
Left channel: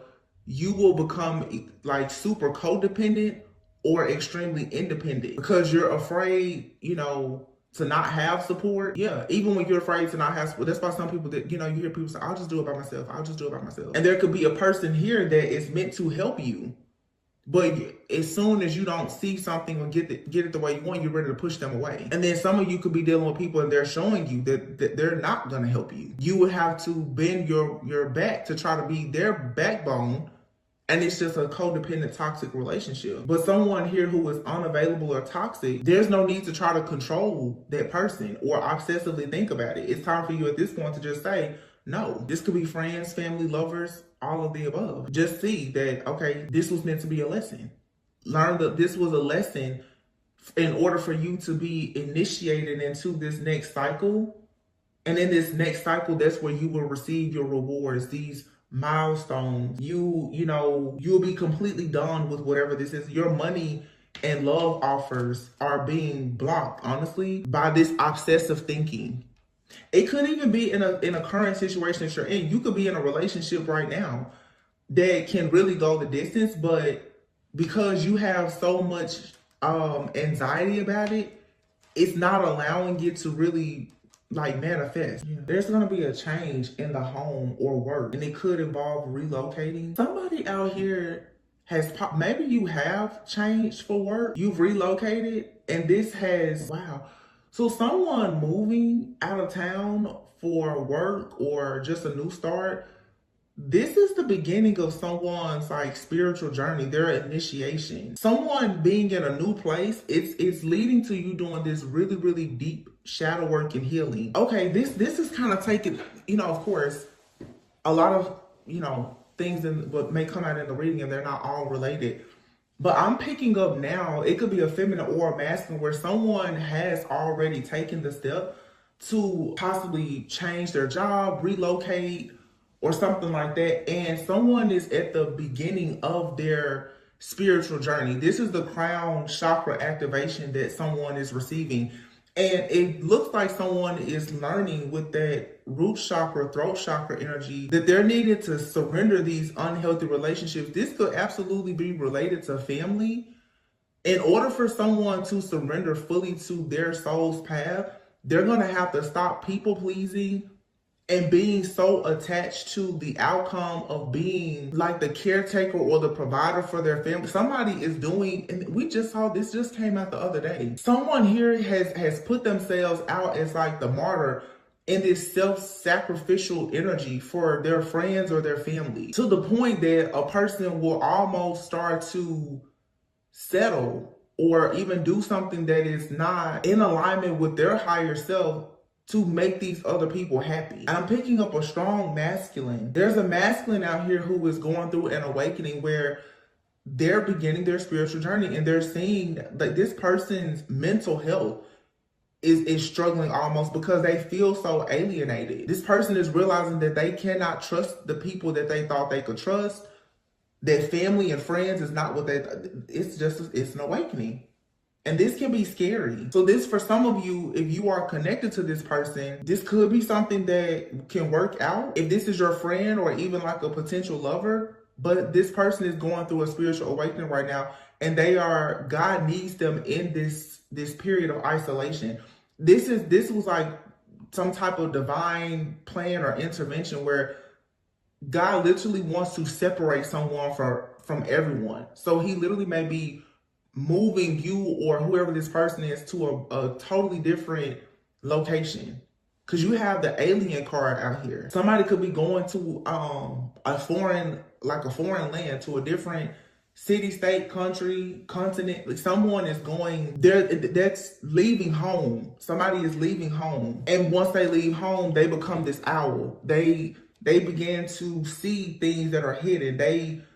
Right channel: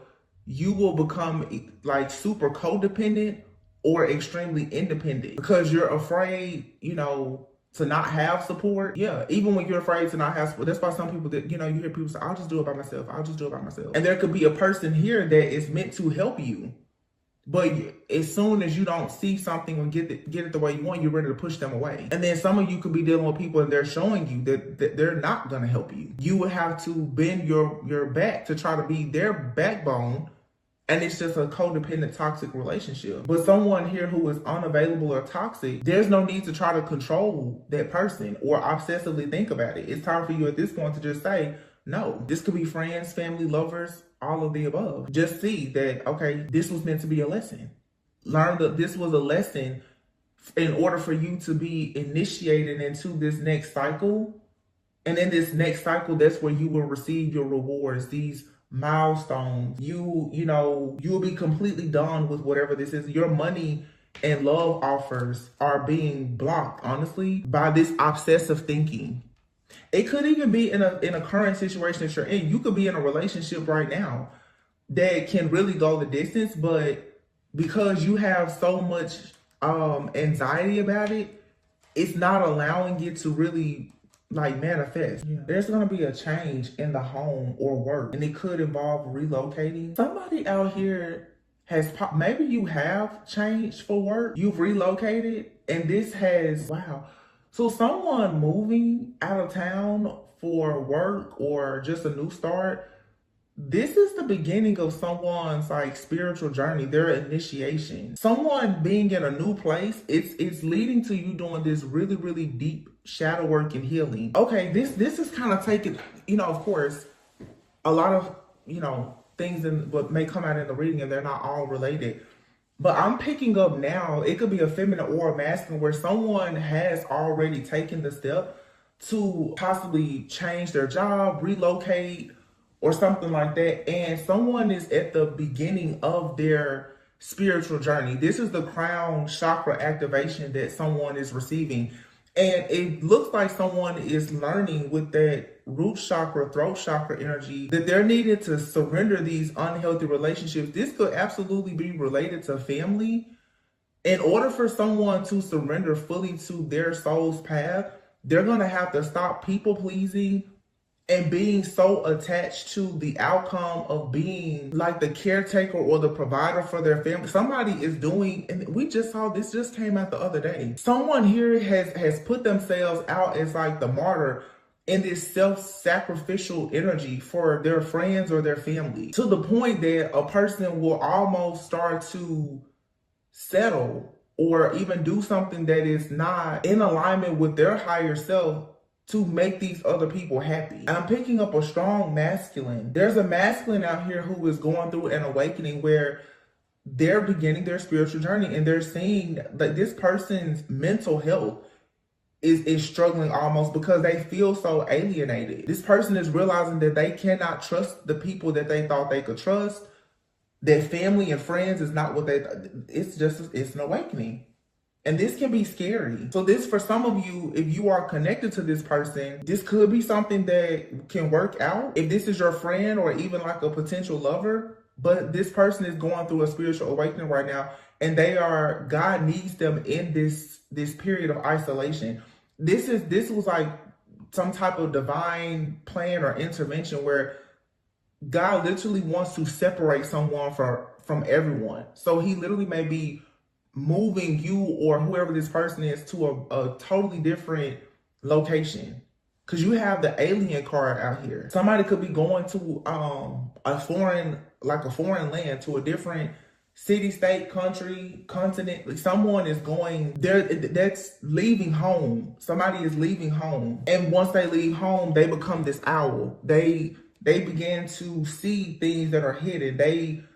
you will become like super codependent or extremely independent because you're afraid, to not have support. Yeah, even when you're afraid to not have support. That's why some people that, you hear people say, I'll just do it by myself. I'll just do it by myself. And there could be a person here that is meant to help you. But as soon as you don't see something or get it the way you want, you're ready to push them away. And then some of you could be dealing with people and they're showing you that they're not going to help you. You would have to bend your back to try to be their backbone. And it's just a codependent, toxic relationship. But someone here who is unavailable or toxic, there's no need to try to control that person or obsessively think about it. It's time for you at this point to just say, no. This could be friends, family, lovers, all of the above. Just see that, okay, this was meant to be a lesson. Learn that this was a lesson in order for you to be initiated into this next cycle. And in this next cycle, that's where you will receive your rewards, these milestones. You'll be completely done with whatever this is. Your money and love offers are being blocked, honestly, by this obsessive thinking. It could even be in a current situation that you're in. You could be in a relationship right now that can really go the distance, but because you have so much anxiety about it, it's not allowing it to really manifest. Yeah. There's going to be a change in the home or work, and it could involve relocating. Somebody out here maybe you have changed for work, you've relocated, and this has, wow. So someone moving out of town for work or just a new start, this is the beginning of someone's spiritual journey, their initiation. Someone being in a new place, it's leading to you doing this really, really deep shadow work and healing. Okay, this is kind of taking, of course, a lot of, things in what may come out in the reading and they're not all related. But I'm picking up now, it could be a feminine or a masculine, where someone has already taken the step to possibly change their job, relocate, or something like that. And someone is at the beginning of their spiritual journey. This is the crown chakra activation that someone is receiving. And it looks like someone is learning with that root chakra, throat chakra energy that they're needed to surrender these unhealthy relationships. This could absolutely be related to family. In order for someone to surrender fully to their soul's path, they're going to have to stop people pleasing and being so attached to the outcome of being like the caretaker or the provider for their family. Somebody is doing, and we just saw this just came out the other day. Someone here has put themselves out as the martyr in this self-sacrificial energy for their friends or their family, to the point that a person will almost start to settle or even do something that is not in alignment with their higher self to make these other people happy. And I'm picking up a strong masculine. There's a masculine out here who is going through an awakening where they're beginning their spiritual journey and they're seeing that this person's mental health is struggling almost because they feel so alienated. This person is realizing that they cannot trust the people that they thought they could trust. Their family and friends is not what it's an awakening. And this can be scary. So this, for some of you, if you are connected to this person, this could be something that can work out. If this is your friend or even like a potential lover, but this person is going through a spiritual awakening right now, and God needs them in this period of isolation. This was like some type of divine plan or intervention where God literally wants to separate someone from everyone. So he literally may be moving you or whoever this person is to a totally different location. Because you have the alien card out here. Somebody could be going to a foreign land, to a different city, state, country, continent. Someone is going there, that's leaving home. Somebody is leaving home. And once they leave home, they become this owl. They begin to see things that are hidden. They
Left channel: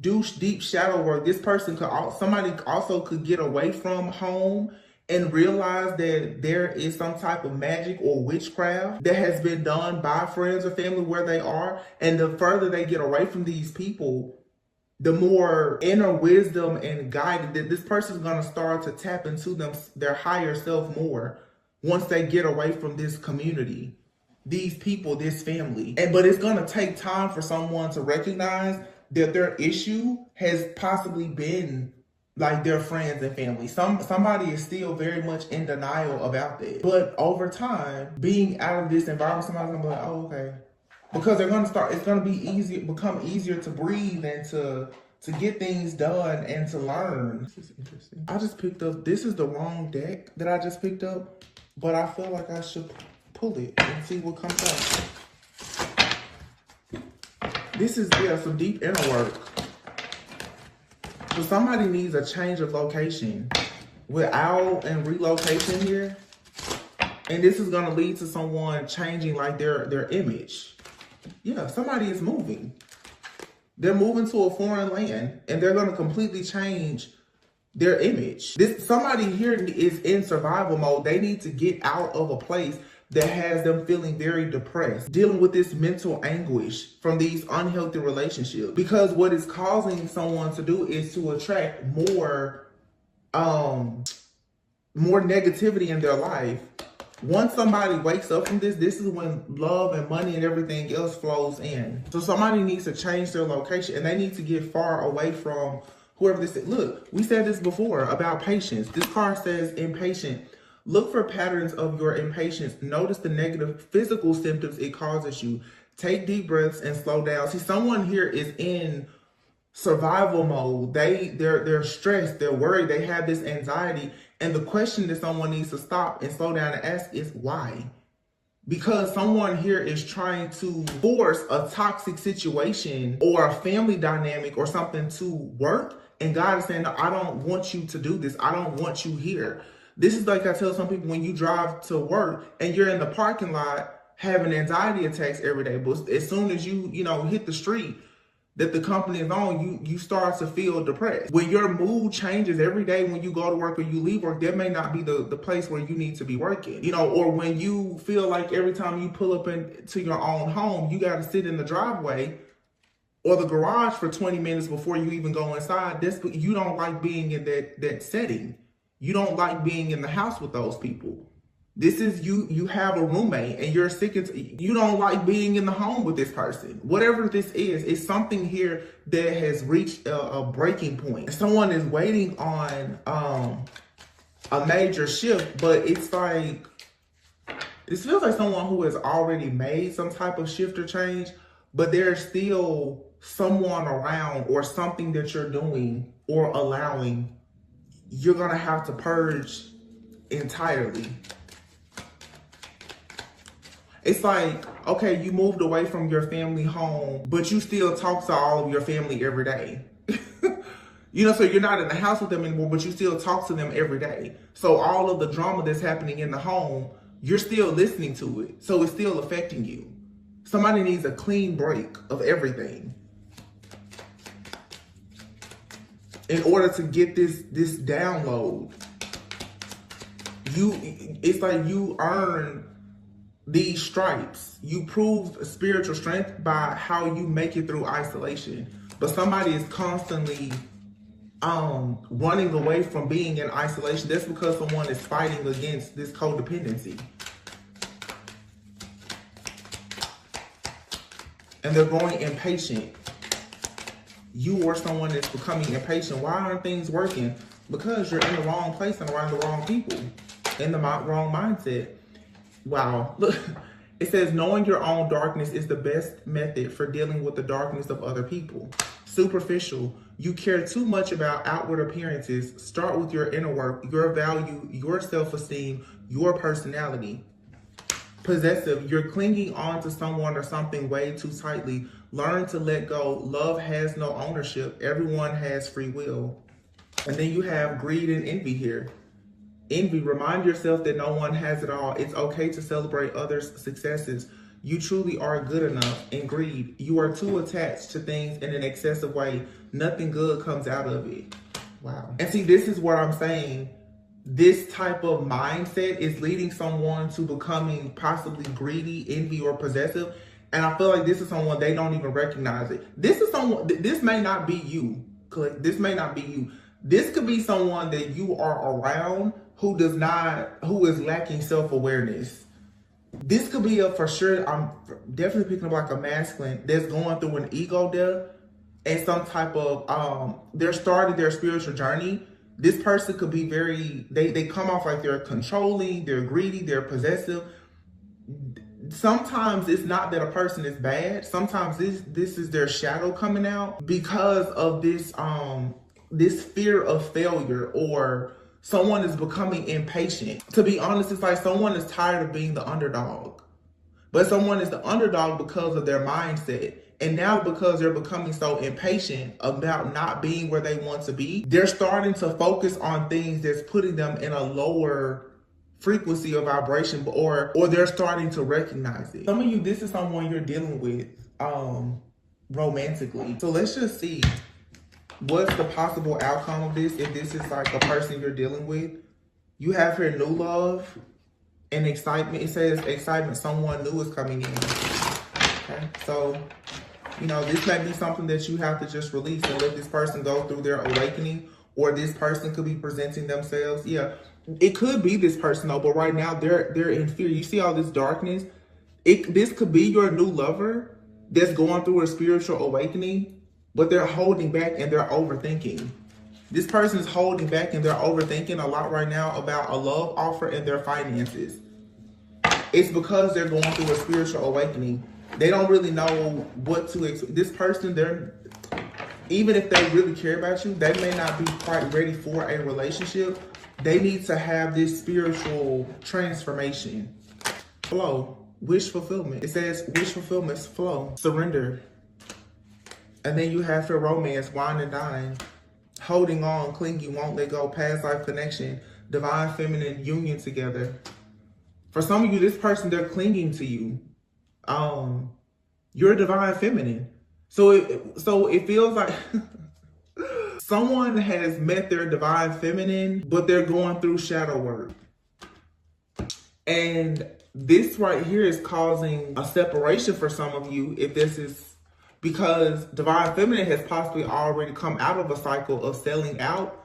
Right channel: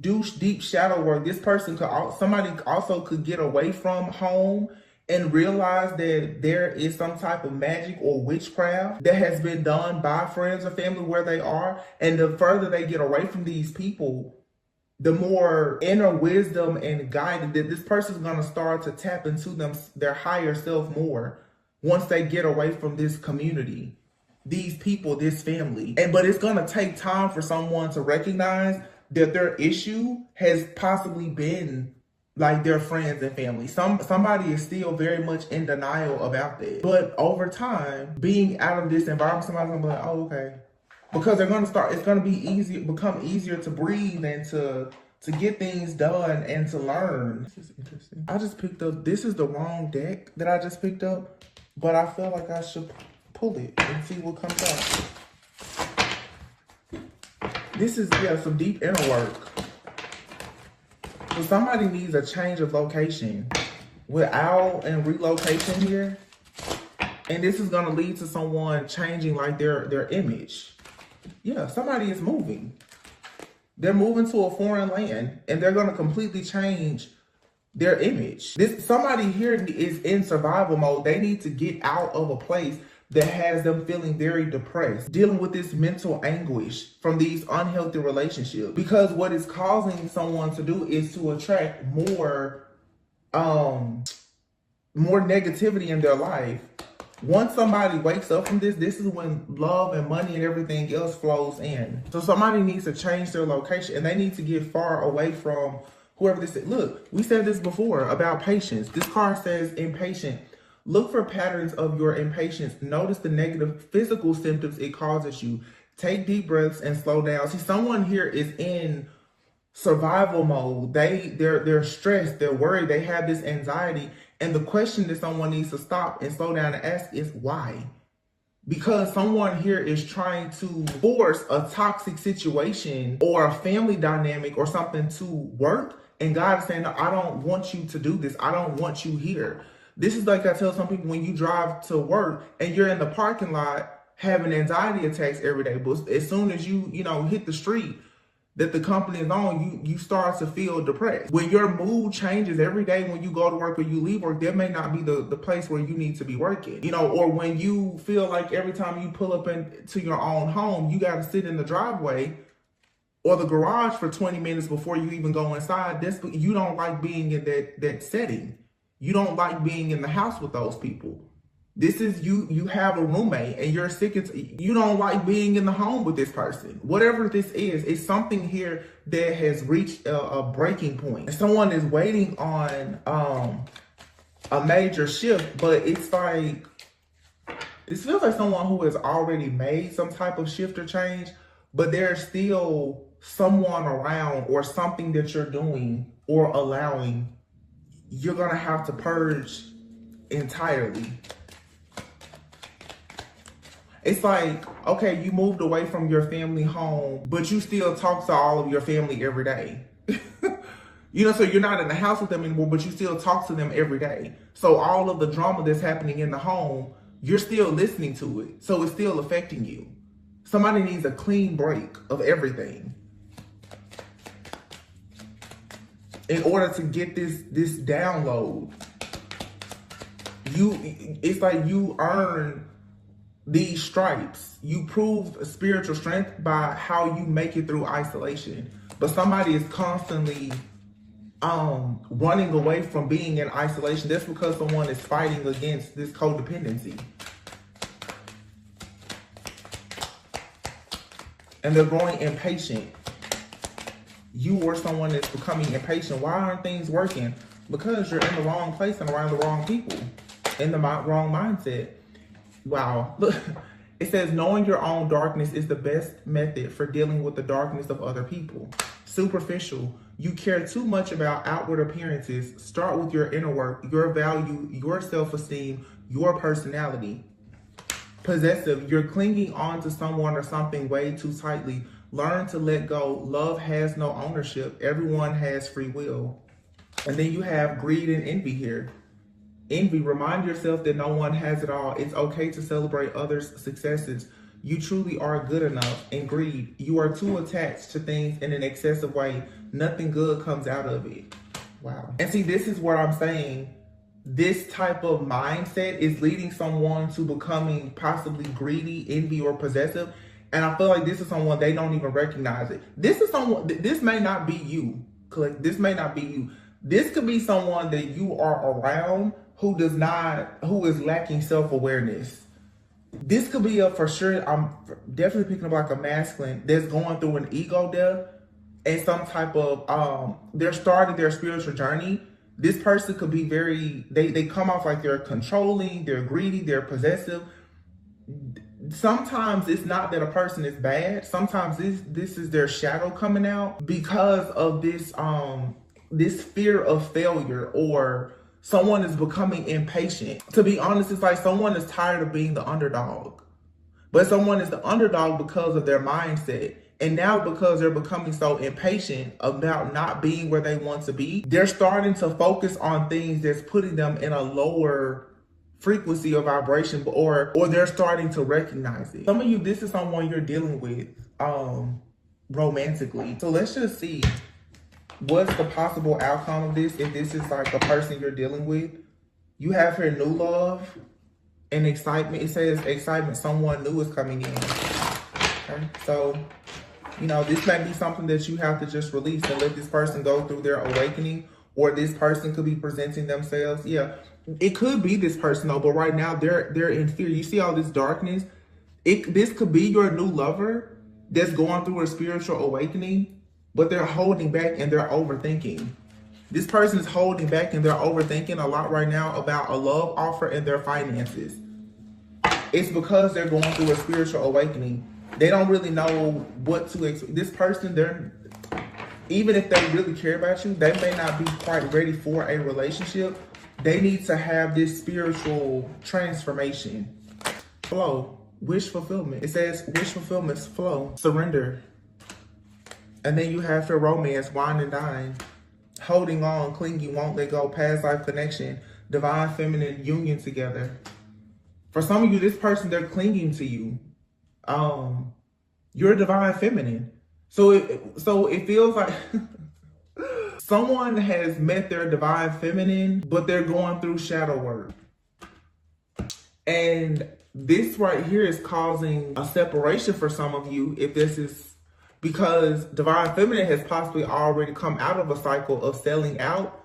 do deep shadow work. This person somebody also could get away from home and realize that there is some type of magic or witchcraft that has been done by friends or family where they are. And the further they get away from these people, the more inner wisdom and guidance that this person is going to start to tap into their higher self more once they get away from this community, these people, this family. But it's going to take time for someone to recognize that their issue has possibly been like their friends and family. Somebody is still very much in denial about that. But over time, being out of this environment, somebody's gonna be like, oh, okay. Because it's gonna be become easier to breathe and to get things done and to learn. This is interesting. I just picked up, this is the wrong deck that I just picked up, but I feel like I should pull it and see what comes out. This is, some deep inner work. So somebody needs a change of location with owl and relocation here. And this is going to lead to someone changing like their image. Yeah, somebody is moving. They're moving to a foreign land and they're going to completely change their image. Somebody here is in survival mode. They need to get out of a place that has them feeling very depressed, dealing with this mental anguish from these unhealthy relationships. Because what is causing someone to do is to attract more negativity in their life. Once somebody wakes up from this is when love and money and everything else flows in. So somebody needs to change their location and they need to get far away from whoever this is. Look, we said this before about patience. This card says impatient. Look for patterns of your impatience. Notice the negative physical symptoms it causes you. Take deep breaths and slow down. See, someone here is in survival mode. They're stressed, they're worried, they have this anxiety. And the question that someone needs to stop and slow down and ask is why? Because someone here is trying to force a toxic situation or a family dynamic or something to work. And God is saying, no, I don't want you to do this. I don't want you here. This is like I tell some people when you drive to work and you're in the parking lot having anxiety attacks every day. But as soon as you hit the street that the company is on, you start to feel depressed. When your mood changes every day when you go to work or you leave work, that may not be the place where you need to be working. Or when you feel like every time you pull up into your own home, you got to sit in the driveway or the garage for 20 minutes before you even go inside. You don't like being in that setting. You don't like being in the house with those people. This is you have a roommate and you're sick of, you don't like being in the home with this person. Whatever this is, it's something here that has reached a breaking point. Someone is waiting on a major shift, but it's like, this feels like someone who has already made some type of shift or change, but there's still someone around or something that you're doing or allowing you're gonna have to purge entirely. It's like, okay, you moved away from your family home, but you still talk to all of your family every day. So you're not in the house with them anymore, but you still talk to them every day. So all of the drama that's happening in the home, you're still listening to it. So it's still affecting you. Somebody needs a clean break of everything in order to get this download. it's like you earn these stripes. You prove spiritual strength by how you make it through isolation. But somebody is constantly running away from being in isolation. That's because someone is fighting against this codependency. And they're growing impatient. You or someone that's becoming impatient. Why aren't things working? Because you're in the wrong place and around the wrong people. In the wrong mindset. Wow. Look, it says knowing your own darkness is the best method for dealing with the darkness of other people. Superficial. You care too much about outward appearances. Start with your inner work, your value, your self-esteem, your personality. Possessive. You're clinging on to someone or something way too tightly. Learn to let go. Love has no ownership. Everyone has free will. And then you have greed and envy here. Envy. Remind yourself that no one has it all. It's okay to celebrate others' successes. You truly are good enough. And greed. You are too attached to things in an excessive way. Nothing good comes out of it. Wow. And see, this is what I'm saying. This type of mindset is leading someone to becoming possibly greedy, envy, or possessive. And I feel like this is someone they don't even recognize it. This is someone, this may not be you. This may not be you. This could be someone that you are around who is lacking self-awareness. This could be for sure, I'm definitely picking up like a masculine that's going through an ego death and some type of, they're starting their spiritual journey. This person could be they come off like they're controlling, they're greedy, they're possessive. Sometimes it's not that a person is bad. Sometimes this is their shadow coming out because of this fear of failure, or someone is becoming impatient. To be honest, it's like someone is tired of being the underdog. But someone is the underdog because of their mindset. And now because they're becoming so impatient about not being where they want to be, they're starting to focus on things that's putting them in a lower frequency of vibration, or they're starting to recognize it. Some of you, this is someone you're dealing with romantically. So let's just see what's the possible outcome of this if this is like a person you're dealing with. You have here new love and excitement. It says excitement, someone new is coming in. Okay, so this may be something that you have to just release and let this person go through their awakening, or this person could be presenting themselves. Yeah, it could be this person though, but right now they're in fear. You see all this darkness? This could be your new lover that's going through a spiritual awakening, but they're holding back and they're overthinking. This person is holding back and they're overthinking a lot right now about a love offer and their finances. It's because they're going through a spiritual awakening. They don't really know what to expect. This person, even if they really care about you, they may not be quite ready for a relationship. They need to have this spiritual transformation. Flow, wish fulfillment. It says wish fulfillment, flow, surrender. And then you have your romance, wine and dine. Holding on, clinging, won't let go, past life connection, divine feminine union together. For some of you, this person, they're clinging to you. You're divine feminine. So it feels like someone has met their divine feminine, but they're going through shadow work. And this right here is causing a separation for some of you, if this is because divine feminine has possibly already come out of a cycle of selling out.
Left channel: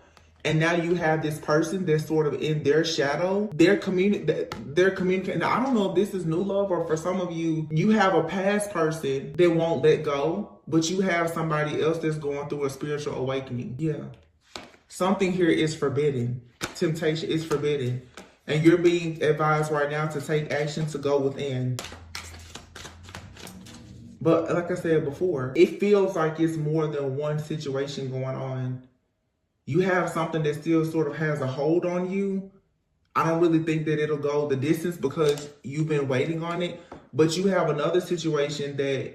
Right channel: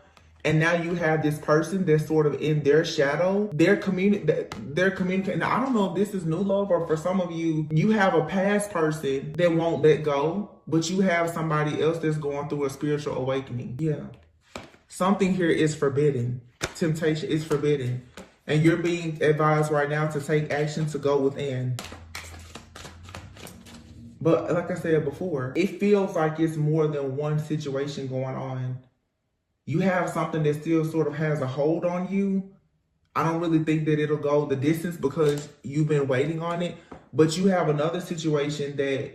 And now you have this person that's sort of in their shadow. They're communicating. Now, I don't know if this is new love, or for some of you, you have a past person that won't let go, but you have somebody else that's going through a spiritual awakening. Yeah. Something here is forbidden. Temptation is forbidden. And you're being advised right now to take action to go within. But like I said before, it feels like it's more than one situation going on. You have something that still sort of has a hold on you. I don't really think that it'll go the distance because you've been waiting on it. But you have another situation that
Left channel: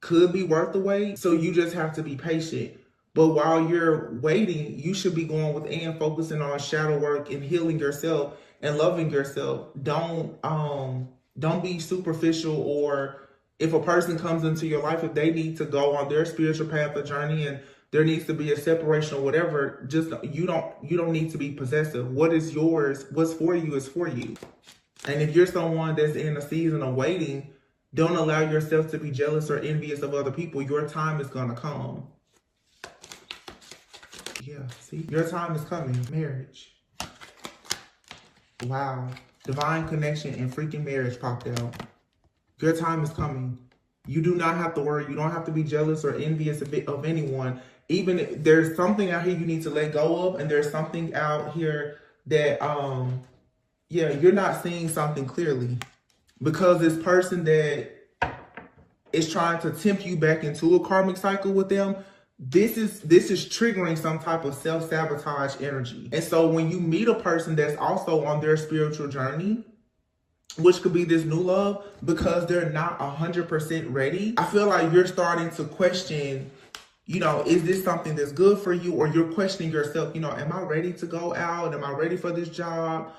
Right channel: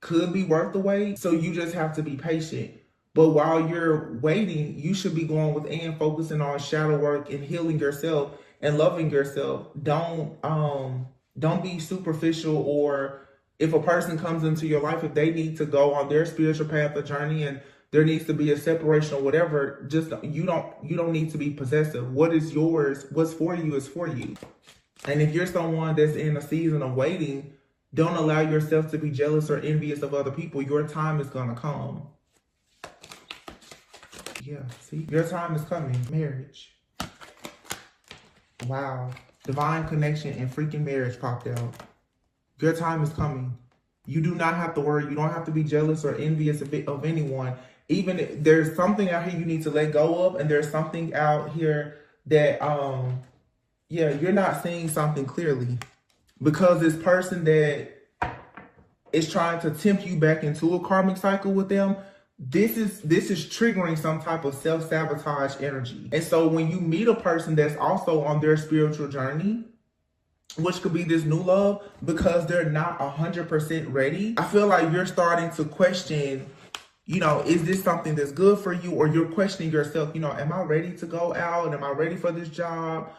could be worth the wait. So you just have to be patient. But while you're waiting, you should be going within, focusing on shadow work and healing yourself and loving yourself. Don't be superficial, or if a person comes into your life, if they need to go on their spiritual path or journey and there needs to be a separation or whatever. Just you don't need to be possessive. What is yours, what's for you is for you. And if you're someone that's in a season of waiting, don't allow yourself to be jealous or envious of other people. Your time is gonna come. Yeah, see? Your time is coming. Marriage. Wow. Divine connection and freaking marriage popped out. Your time is coming. You do not have to worry. You don't have to be jealous or envious of anyone. Even if there's something out here you need to let go of, and there's something out here that, yeah, you're not seeing something clearly. Because this person that is trying to tempt you back into a karmic cycle with them, this is triggering some type of self-sabotage energy. And so when you meet a person that's also on their spiritual journey, which could be this new love, because they're not 100% ready, I feel like you're starting to question, you know, is this something that's good for you? Or you're questioning yourself, you know, am I ready to go out? Am I ready for this job?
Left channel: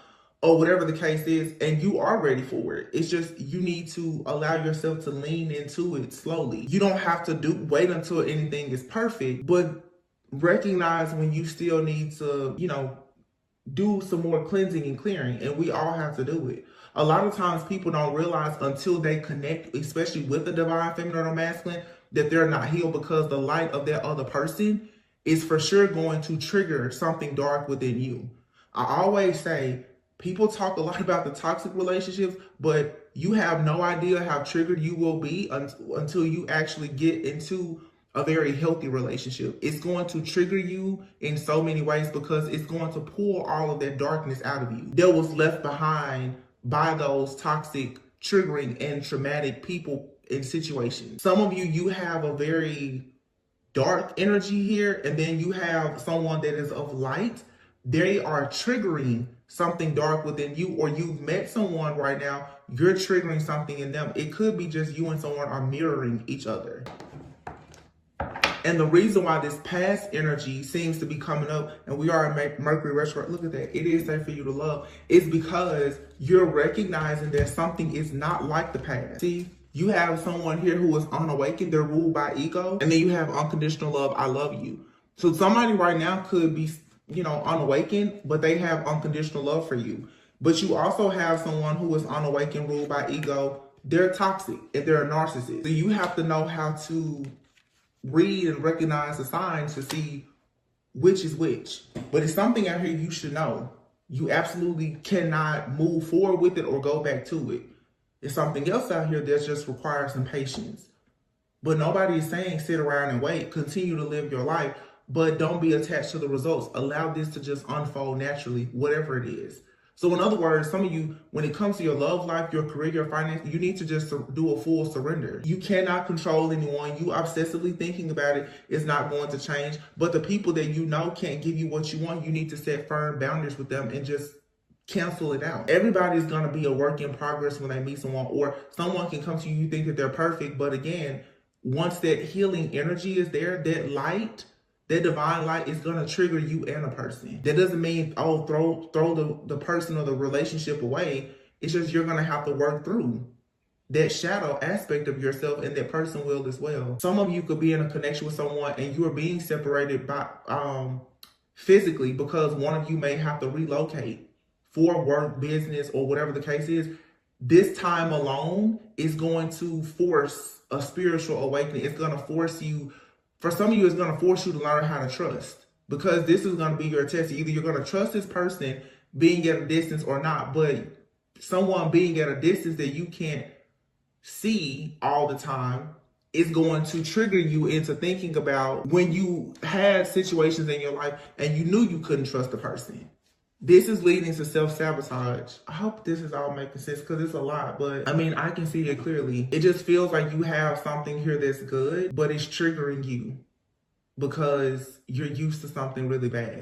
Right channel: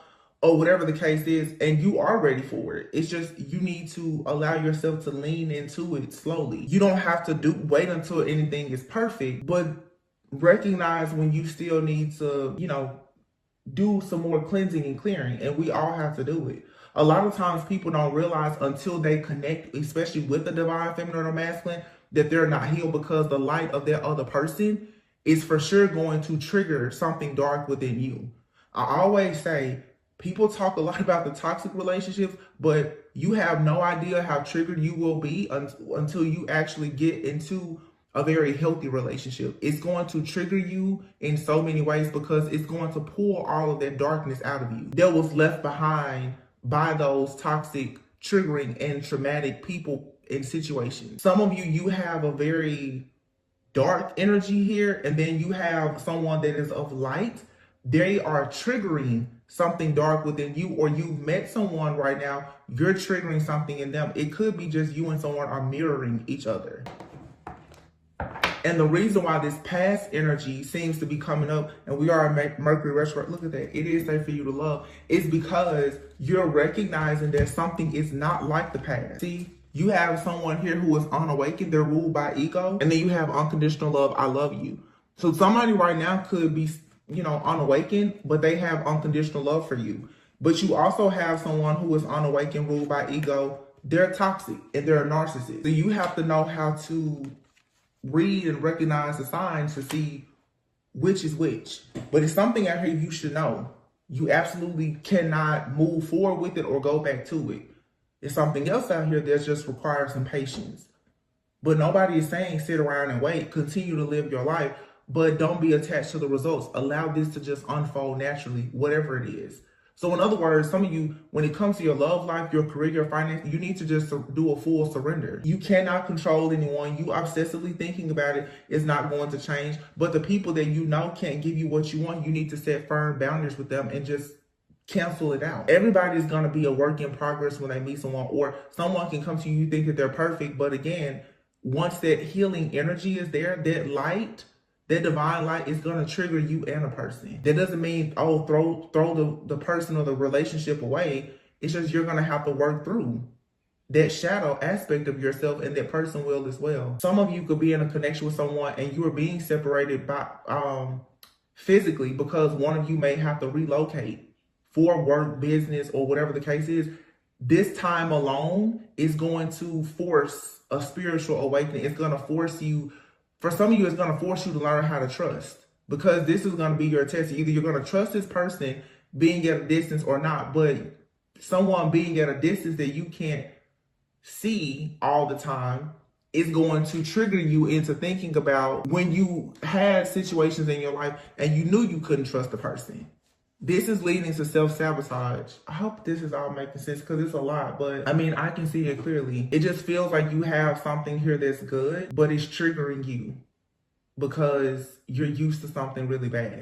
Or whatever the case is, and you are ready for it. It's just you need to allow yourself to lean into it slowly. You don't have to wait until anything is perfect, but recognize when you still need to, you know, do some more cleansing and clearing, and we all have to do it. A lot of times people don't realize until they connect, especially with the divine feminine or masculine, that they're not healed, because the light of that other person is for sure going to trigger something dark within you. I always say, people talk a lot about the toxic relationships, but you have no idea how triggered you will be until you actually get into a very healthy relationship. It's going to trigger you in so many ways, because it's going to pull all of that darkness out of you that was left behind by those toxic, triggering, and traumatic people and situations. Some of you have a very dark energy here, and then you have someone that is of light. They are triggering something dark within you, or you've met someone right now, you're triggering something in them. It could be just you and someone are mirroring each other. And the reason why this past energy seems to be coming up, and we are in Mercury retrograde, look at that, it is safe for you to love, is because you're recognizing that something is not like the past. See, you have someone here who is unawakened, they're ruled by ego, and then you have unconditional love, I love you. So somebody right now could be, you know, unawakened, but they have unconditional love for you. But you also have someone who is unawakened, ruled by ego. They're toxic and they're a narcissist. So you have to know how to read and recognize the signs to see which is which. But it's something out here you should know. You absolutely cannot move forward with it or go back to it. It's something else out here that just requires some patience. But nobody is saying sit around and wait. Continue to live your life. But don't be attached to the results. Allow this to just unfold naturally, whatever it is. So in other words, some of you, when it comes to your love life, your career, your finance, you need to just do a full surrender. You cannot control anyone. You obsessively thinking about it is not going to change. But the people that you know can't give you what you want, you need to set firm boundaries with them and just cancel it out. Everybody's going to be a work in progress when they meet someone, or someone can come to you, you think that they're perfect. But again, once that healing energy is there, that light, that divine light is going to trigger you and a person. That doesn't mean, oh, throw the person or the relationship away. It's just you're going to have to work through that shadow aspect of yourself, and that person will as well. Some of you could be in a connection with someone and you are being separated by physically, because one of you may have to relocate for work, business, or whatever the case is. This time alone is going to force a spiritual awakening. It's going to force you. For some of you, it's going to force you to learn how to trust, because this is going to be your test. Either you're going to trust this person being at a distance or not, but someone being at a distance that you can't see all the time is going to trigger you into thinking about when you had situations in your life and you knew you couldn't trust the person. This is leading to self-sabotage. I hope this is all making sense, because it's a lot, but I mean, I can see it clearly. It just feels like you have something here that's good, but it's triggering you because you're used to something really bad.